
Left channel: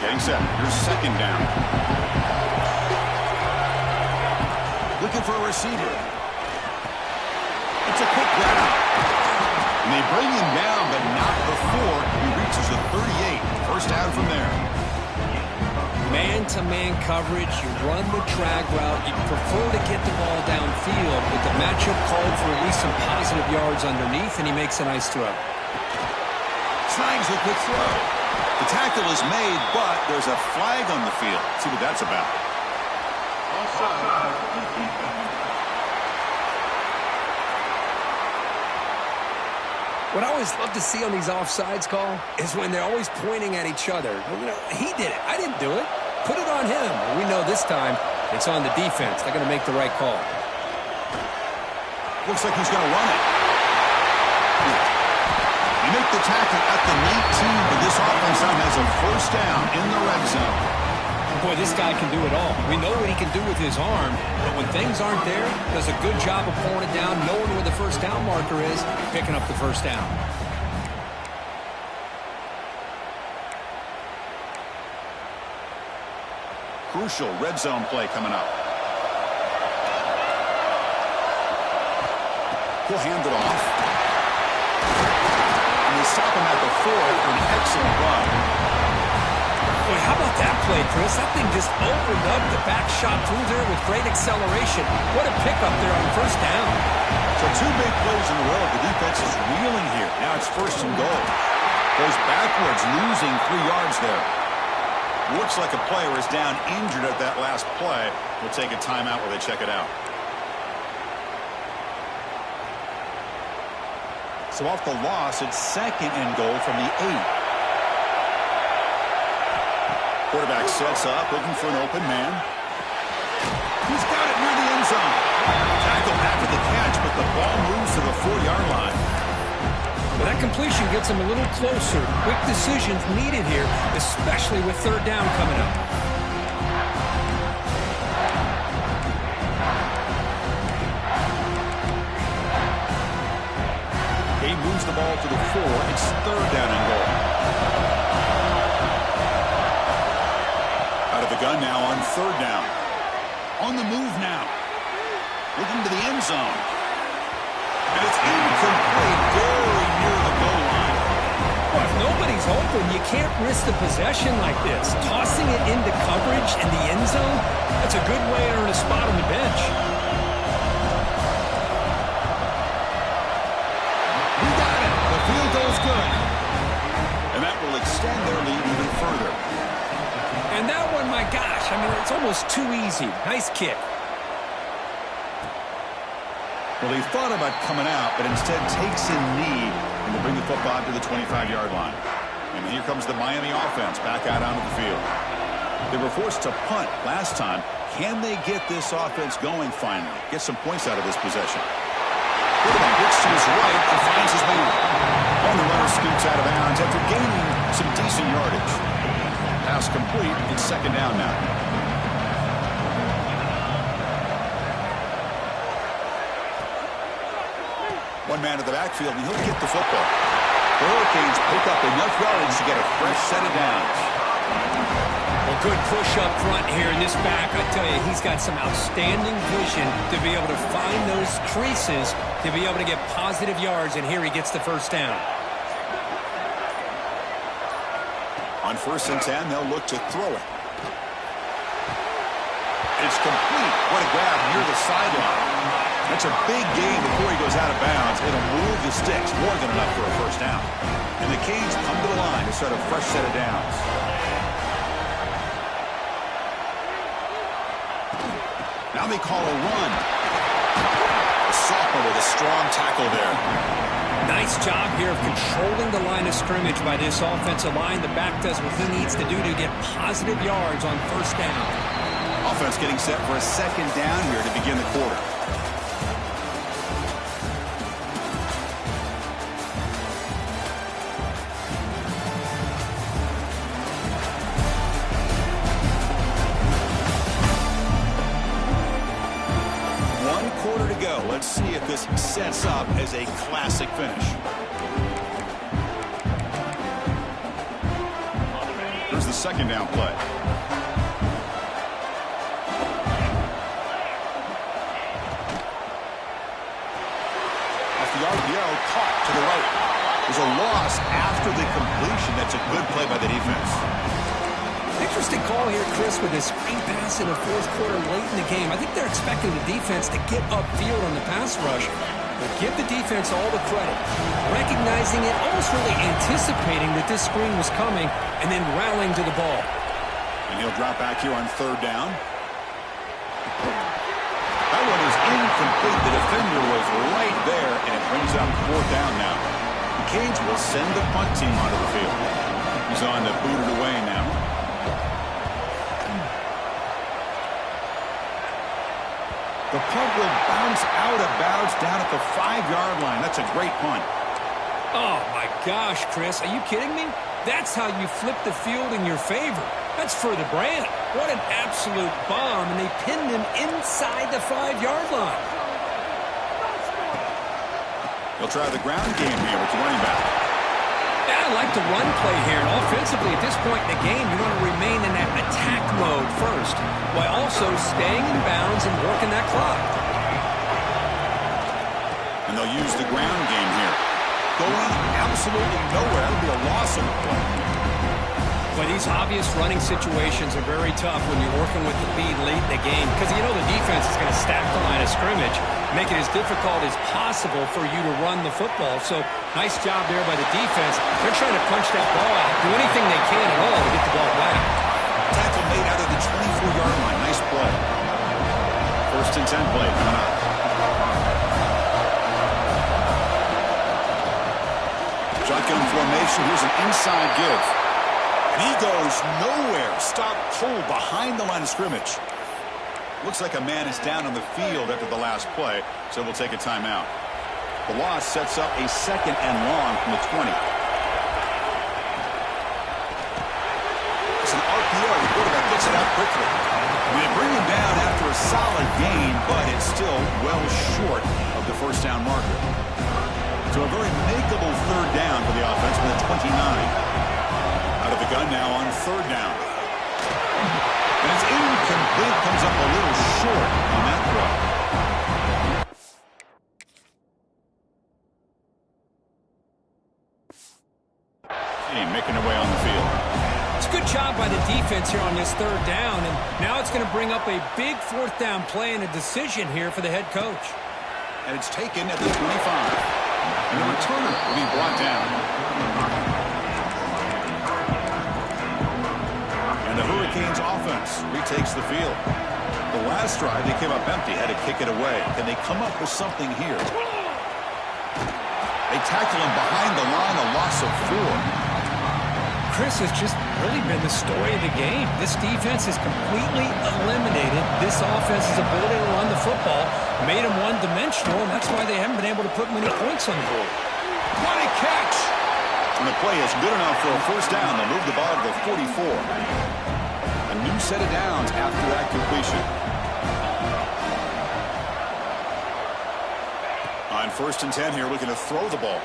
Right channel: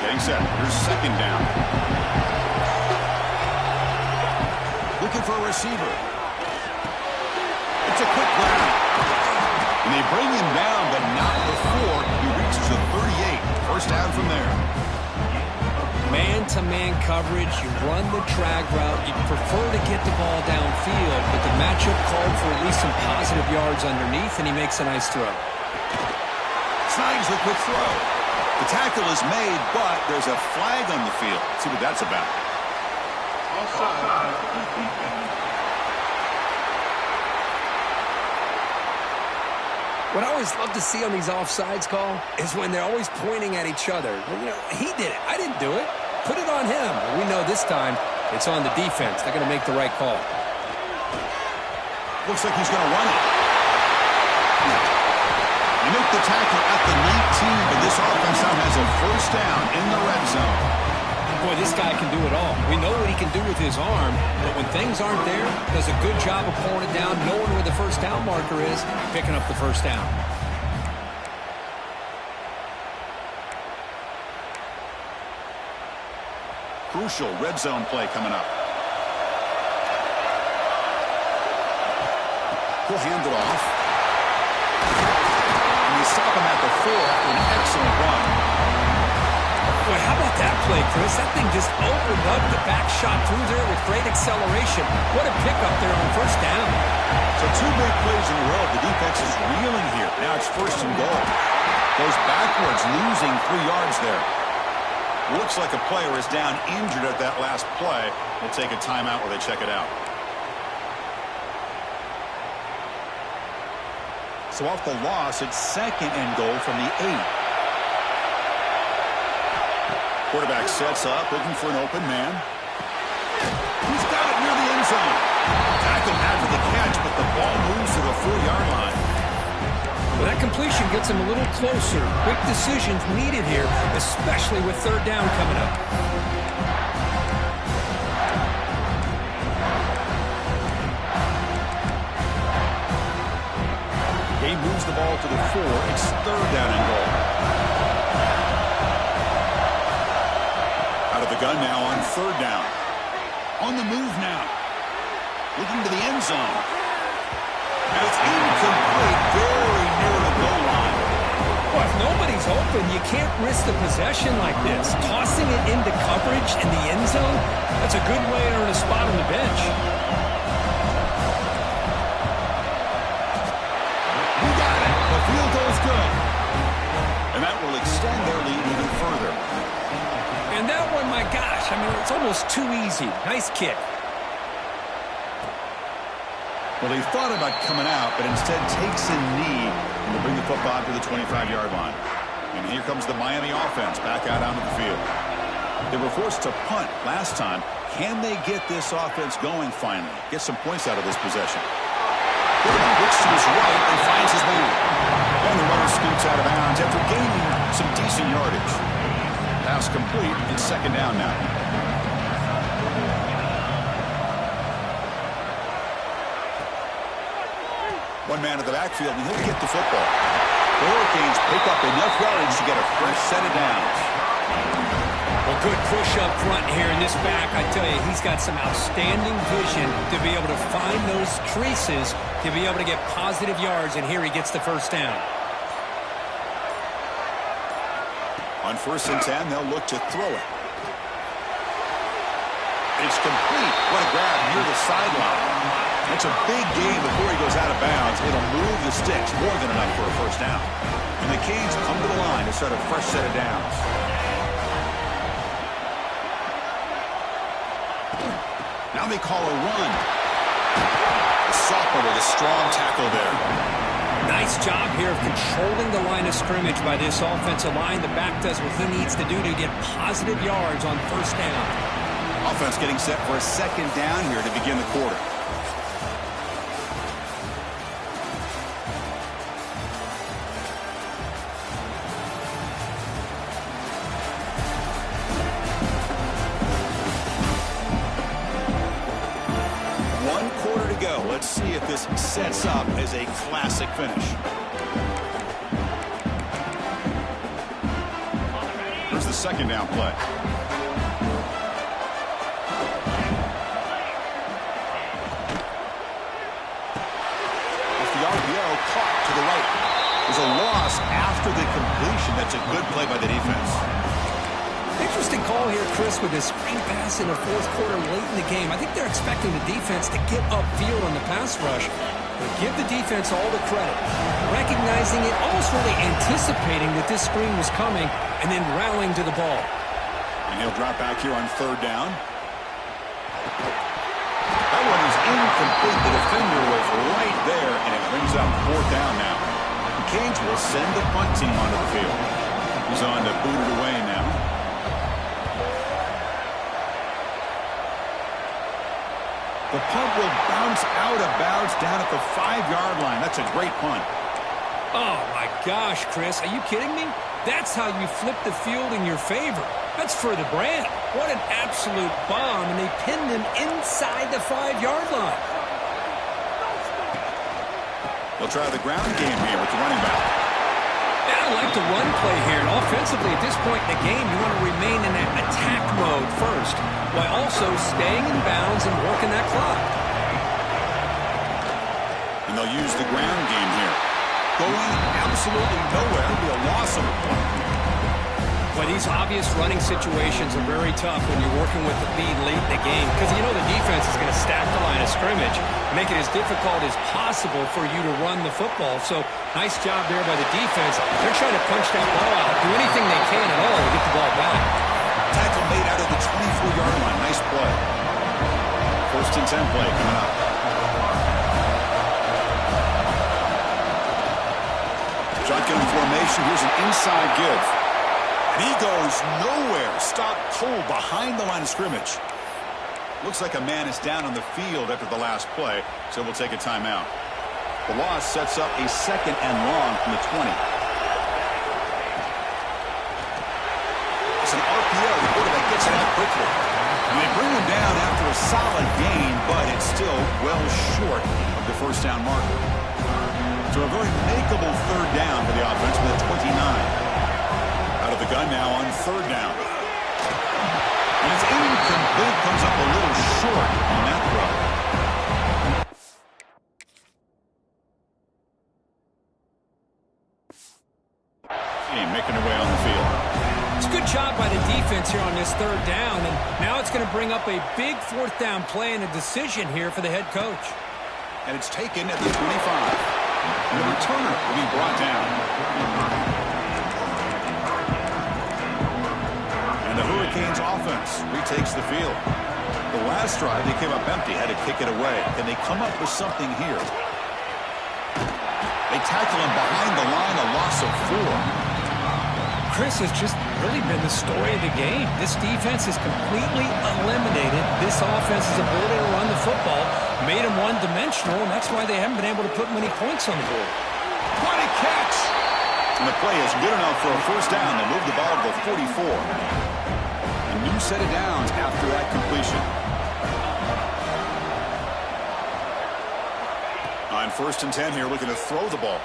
Getting set. Here's second down. Looking for a receiver. It's a quick grab. And they bring him down, but not before he reaches the 38. First down from there. Man-to-man coverage, you run the drag route, you prefer to get the ball downfield, but the matchup called for at least some positive yards underneath, and he makes a nice throw. Snags the quick throw. The tackle is made, but there's a flag on the field. Let's see what that's about. What I always love to see on these offsides call is when they're always pointing at each other. You know, he did it. I didn't do it. Put it on him. Well, we know this time it's on the defense. They're going to make the right call. Looks like he's going to run it. They make the tackle at the 19, but this offense now has a first down in the red zone. Boy, this guy can do it all. We know what he can do with his arm, but when things aren't there, does a good job of pulling it down, knowing where the first down marker is, picking up the first down. Crucial red zone play coming up. He'll hand it off. And they stop him at the 4 after an excellent run. Boy, how about that play, Chris? That thing just opened up the back shot through there with great acceleration. What a pickup there on first down. So 2 big plays in a row. The defense is reeling here. Now it's first and goal. Goes backwards, losing 3 yards there. Looks like a player is down injured at that last play. We'll take a timeout where they check it out. So off the loss, it's second and goal from the 8. Quarterback sets up, looking for an open man. He's got it near the end zone. Tackled after the catch, but the ball moves to the 4-yard line. Well, that completion gets him a little closer. Quick decisions needed here, especially with third down coming up. He moves the ball to the 4. It's third down and goal. Out of the gun now on third down. On the move now. Looking to the end zone. And it's incomplete, very near the goal line. Well, if nobody's open, you can't risk the possession like this. Tossing it into coverage in the end zone, that's a good way to earn a spot on the bench. We got it. The field goal's good. And that will extend their lead even further. And that one, my gosh, I mean, it's almost too easy. Nice kick. Well, he thought about coming out, but instead takes a knee and will bring the football to the 25-yard line. And here comes the Miami offense back out onto the field. They were forced to punt last time. Can they get this offense going finally? Get some points out of this possession. Quarterback looks to his right and finds his man. And the runner scoots out of bounds after gaining some decent yardage. Pass complete. It's second down now. One man in the backfield, and he'll get the football. The Hurricanes pick up enough yardage to get a fresh set of downs. Well, good push up front here in this back. I tell you, he's got some outstanding vision to be able to find those creases, to be able to get positive yards, and here he gets the first down. On 1st and 10, they'll look to throw it. It's complete. What a grab near the sideline. That's a big gain before he goes out of bounds. It'll move the sticks, more than enough for a first down. And the Canes come to the line to start a fresh set of downs. Now they call a run. The sophomore with a strong tackle there. Nice job here of controlling the line of scrimmage by this offensive line. The back does what he needs to do to get positive yards on first down. Offense getting set for a second down here to begin the quarter. this sets up as a classic finish. Here's the second down play. Off the RPO, caught to the right. There's a loss after the completion. That's a good play by the defense. Interesting call here, Chris, with this screen pass in the fourth quarter late in the game. I think they're expecting the defense to get upfield on the pass rush. But give the defense all the credit. Recognizing it, almost really anticipating that this screen was coming, and then rallying to the ball. And he'll drop back here on third down. That one is incomplete. The defender was right there, and it brings up fourth down now. The Canes will send the punt team onto the field. He's on to boot it away now. The punt will bounce out of bounds down at the 5-yard line. That's a great punt. Oh, my gosh, Chris. Are you kidding me? That's how you flip the field in your favor. That's for the brand. What an absolute bomb, and they pinned him inside the 5-yard line. They'll try the ground game here with the running back. Yeah, I like the run play here. And offensively, at this point in the game, you want to remain in that attack mode first, while also staying in bounds and working that clock. And they'll use the ground game here. Going absolutely nowhere. It'll be a loss of a play. But these obvious running situations are very tough when you're working with the lead late in the game, because you know the defense is going to stack the line of scrimmage, make it as difficult as possible for you to run the football. So nice job there by the defense. They're trying to punch that ball out, do anything they can at all to get the ball back. Tackle made out of the 24-yard line. Nice play. First and 10 play coming up. Shotgun formation. Here's an inside give. And he goes nowhere. Stopped cold behind the line of scrimmage. Looks like a man is down on the field after the last play, so we'll take a timeout. The loss sets up a second and long from the 20. It's an RPO. The quarterback gets it out quickly. And they bring him down after a solid gain, but it's still well short of the first down marker. So a very makeable third down for the offense with a 29. Out of the gun now on third down. And it's incomplete. Comes up a little short on that throw. Team making their way on the field. It's a good job by the defense here on this third down, and now it's going to bring up a big fourth down play and a decision here for the head coach. And it's taken at the 25. And the returner will be brought down. And the Hurricanes offense retakes the field. The last drive, they came up empty, had to kick it away. Can they come up with something here? They tackle him behind the line, a loss of 4. Chris has just really been the story of the game. This defense has completely eliminated this offense's ability to run the football, made them one-dimensional, and that's why they haven't been able to put many points on the board. What a catch! And the play is good enough for a first down. They'll move the ball to the 44. A new set of downs after that completion. On first and 10 here, looking to throw the ball.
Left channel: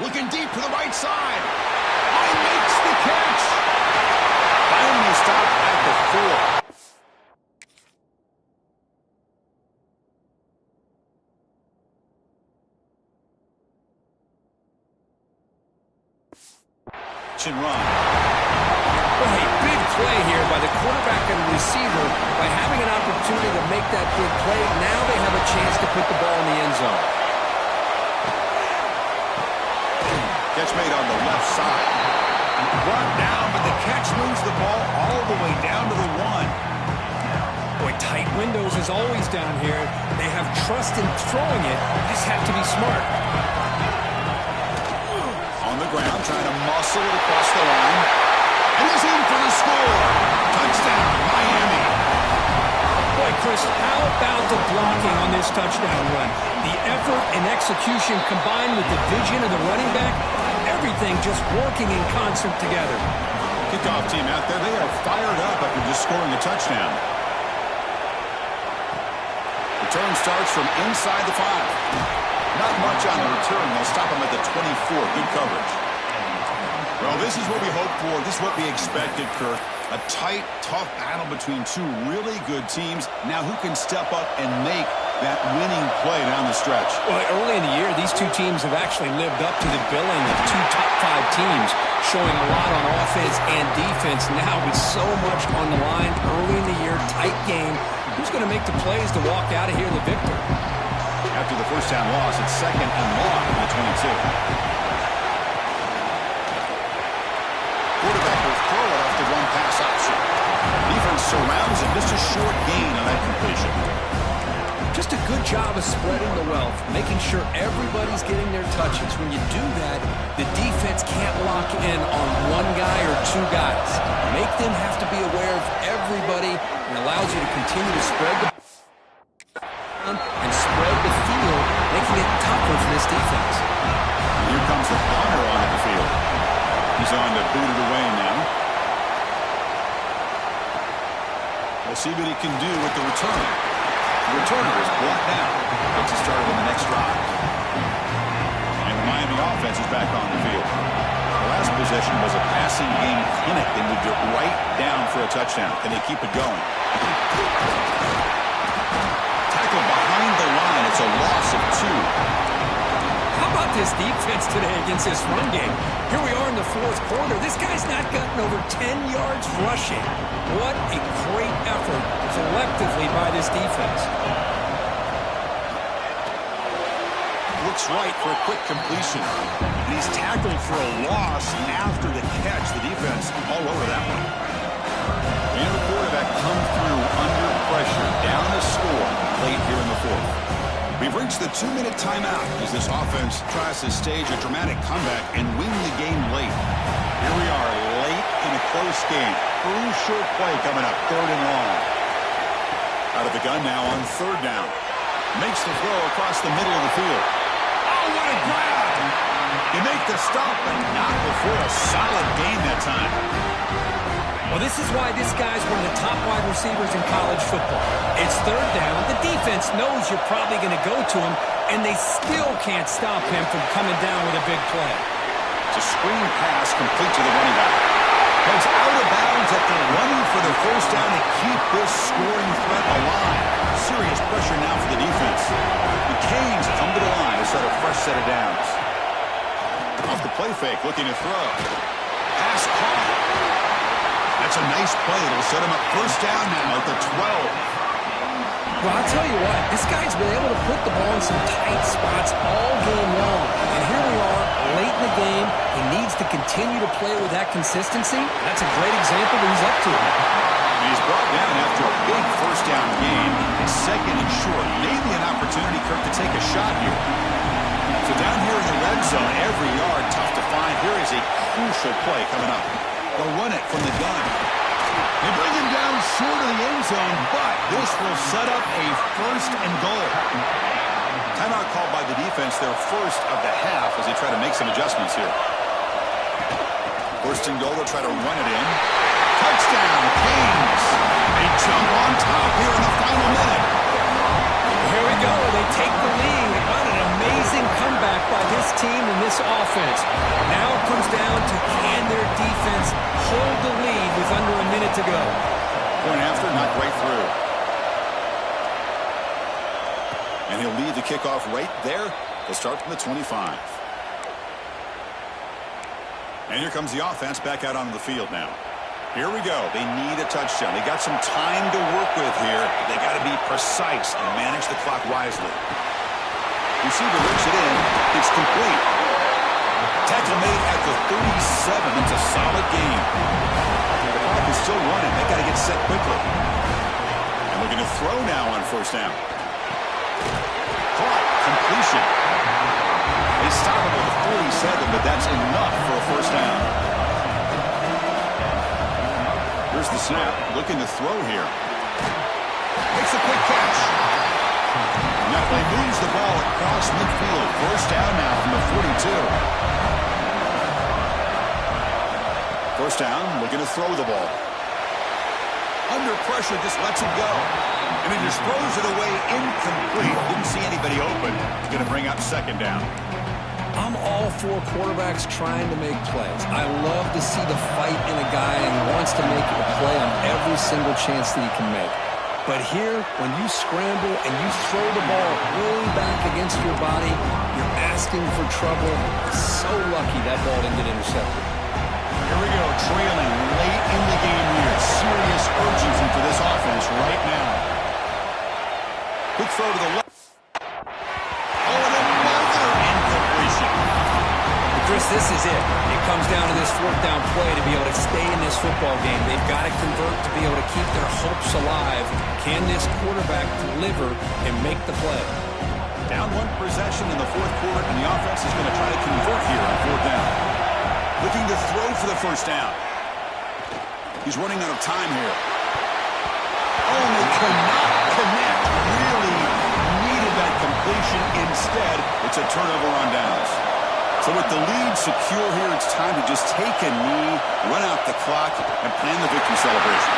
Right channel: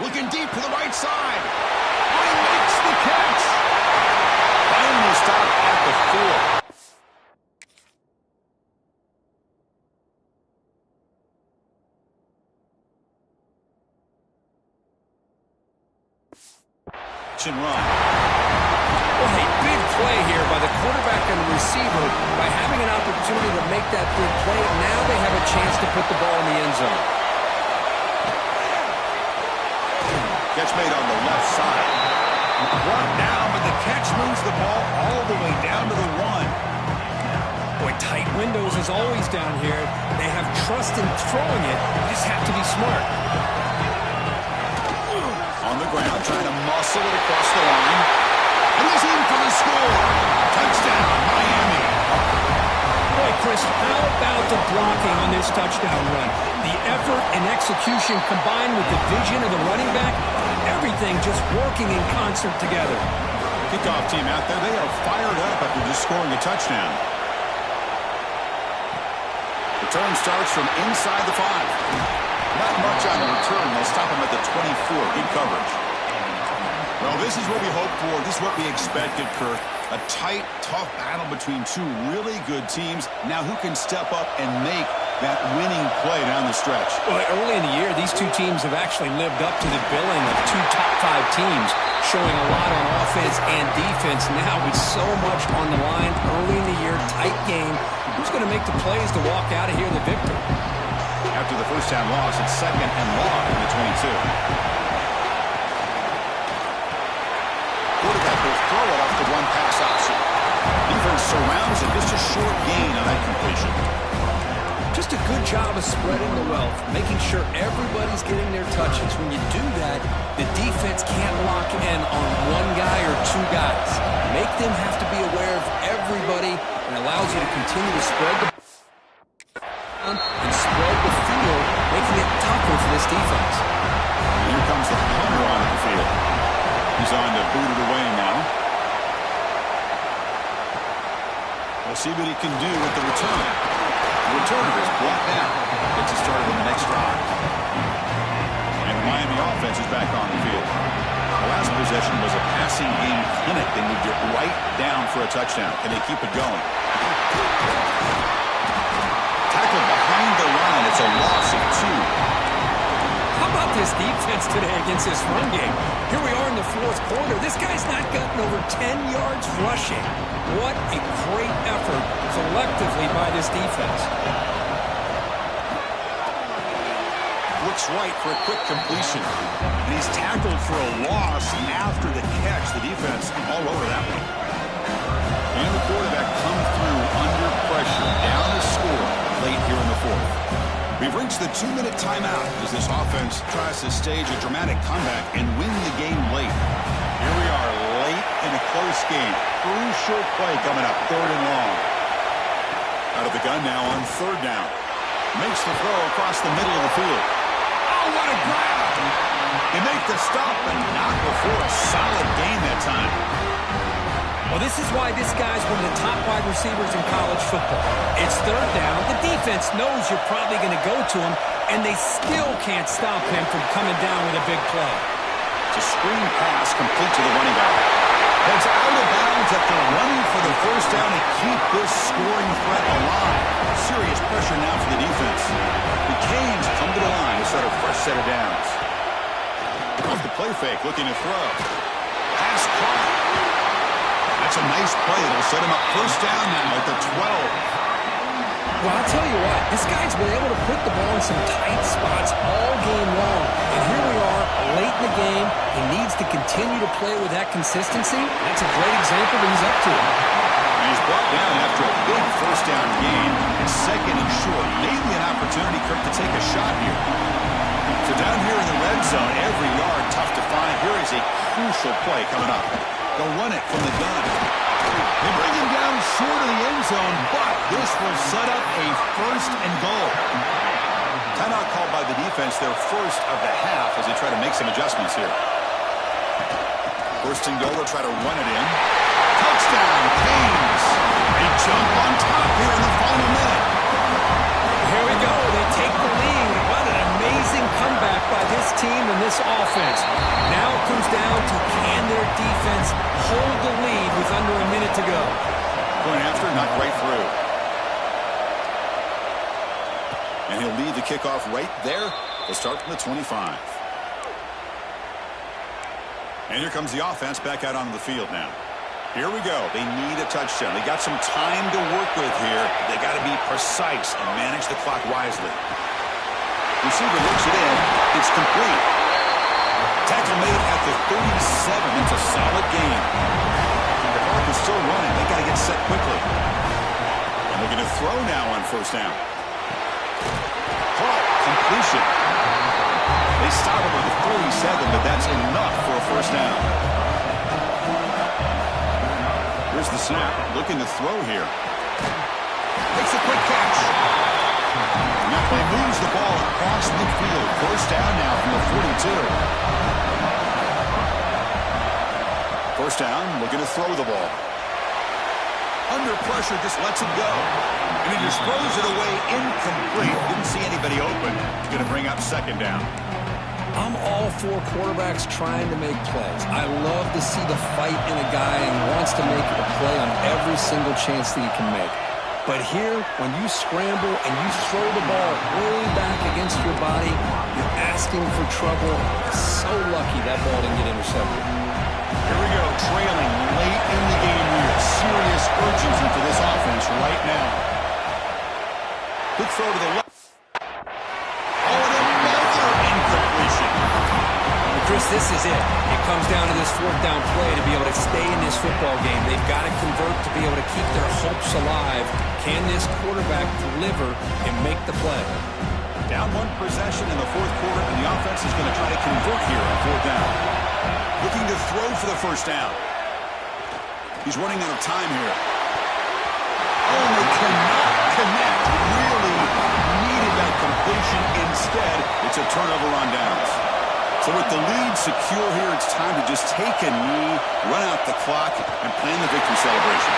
Looking deep to the right side. He makes the catch. Finally stopped at the 4. And run. Well, hey, big play here by the quarterback and the receiver. By having an opportunity to make that big play, now they have a chance to put the ball in the end zone. Catch made on the left side. Brought down, but the catch moves the ball all the way down to the 1. Boy, tight windows is always down here. They have trust in throwing it. They just have to be smart. On the ground, trying to muscle it across the line. And he's in for the score. Touchdown, Miami. Boy, Chris, how about the blocking on this touchdown run? The effort and execution combined with the vision of the running back, everything just working in concert together. Kickoff team out there, they are fired up after just scoring a touchdown. Return starts from inside the 5. Not much on the return. They'll stop him at the 24. Good coverage. Well, this is what we hoped for. This is what we expected, Kirk. A tight, tough battle between two really good teams. Now who can step up and make that winning play down the stretch? Well, early in the year, these two teams have actually lived up to the billing of two top 5 teams, showing a lot on offense and defense. Now with so much on the line early in the year, tight game, who's going to make the plays to walk out of here the victor? After the first down loss, it's 2nd and long from the 22. Quarterback will throw it off the one pass option. Defense surrounds him. Just a short gain on that completion. Just a good job of spreading the wealth, making sure everybody's getting their touches. When you do that, the defense can't lock in on one guy or two guys. Make them have to be aware of everybody, and allows you to continue to spread the and spread the field, making it tougher for this defense. And here comes the punter onto the field. He's on to boot it away now. We'll see what he can do with the return. The returner is brought down. Gets it started on the next drive. And the Miami offense is back on the field. The last possession was a passing game clinic. They moved it right down for a touchdown. Can they keep it going? Tackled behind the line. It's a loss of 2. How about this defense today against this run game? Here we are in the 4th quarter. This guy's not gotten over 10 yards rushing. What a great effort collectively by this defense. Looks right for a quick completion. And he's tackled for a loss after the catch. The defense all over that one. And the quarterback come through under pressure. Down a score late here in the 4th. We've reached the 2-minute timeout as this offense tries to stage a dramatic comeback and win the game late. Here we are late in a close game. Crucial play coming up, 3rd and long. Out of the gun now on 3rd down. Makes the throw across the middle of the field. Oh, what a grab! You make the stop, but not before a solid gain that time. Well, this is why this guy's one of the top wide receivers in college football. It's 3rd down. The defense knows you're probably going to go to him, and they still can't stop him from coming down with a big play. It's a screen pass complete to the running back. Heads out of bounds after running for the 1st down to keep this scoring threat alive. Serious pressure now for the defense. The Canes come to the line to start a fresh set of downs. Off the play fake, looking to throw. Pass caught. That's a nice play. It'll set him up 1st down now at the 12. Well, I'll tell you what. This guy's been able to put the ball in some tight spots all game long. And here we are, late in the game. He needs to continue to play with that consistency. That's a great example that he's up to it. And he's brought down after a big 1st down gain. It's 2nd and short. Maybe an opportunity, Kirk, to take a shot here. So down here in the red zone, every yard tough to find. Here is a crucial play coming up. They'll run it from the gun. They bring him down short of the end zone, but this will set up a 1st and goal. Timeout called by the defense, their 1st of the half as they try to make some adjustments here. 1st and goal, they'll try to run it in. Touchdown, Canes. They jump on top here in the final minute. Here we go. They take the lead. What an amazing comeback by this team and this offense. Now it comes down to can their defense hold the lead with under a minute to go. Point after, not right through. And he'll lead the kickoff right there. They'll start from the 25. And here comes the offense back out onto the field now. Here we go. They need a touchdown. They got some time to work with here. They got to be precise and manage the clock wisely. Receiver looks it in. It's complete. Tackle made at the 37. It's a solid game. The clock is still running. They got to get set quickly. And looking to throw now on 1st down. Caught. Completion. They stop him with the 47, but that's enough for a 1st down. Here's the snap. Looking to throw here. Makes a quick catch. Now play moves the ball across midfield. 1st down now from the 42. 1st down, looking to throw the ball. Under pressure, just lets it go. And he just throws it away incomplete. Didn't see anybody open. It's going to bring up second down. I'm all for quarterbacks trying to make plays. I love to see the fight in a guy and wants to make a play on every single chance that he can make. But here, when you scramble and you throw the ball way back against your body, you're asking for trouble. So lucky that ball didn't get intercepted. Here we go, trailing late in the game here. Serious urgency for this offense right now. Quick throw to the left. Oh, and another incompletion. Chris, this is it. It comes down to this fourth down play to be able to stay in this football game. They've got to convert to be able to keep their hopes alive. Can this quarterback deliver and make the play? Down one possession in the fourth quarter, and the offense is going to try to convert here on fourth down. Looking to throw for the first down. He's running out of time here. Oh, and they cannot connect. Really needed that completion. Instead, it's a turnover on downs. So with the lead secure here, it's time to just take a knee, run out the clock, and plan the victory celebration.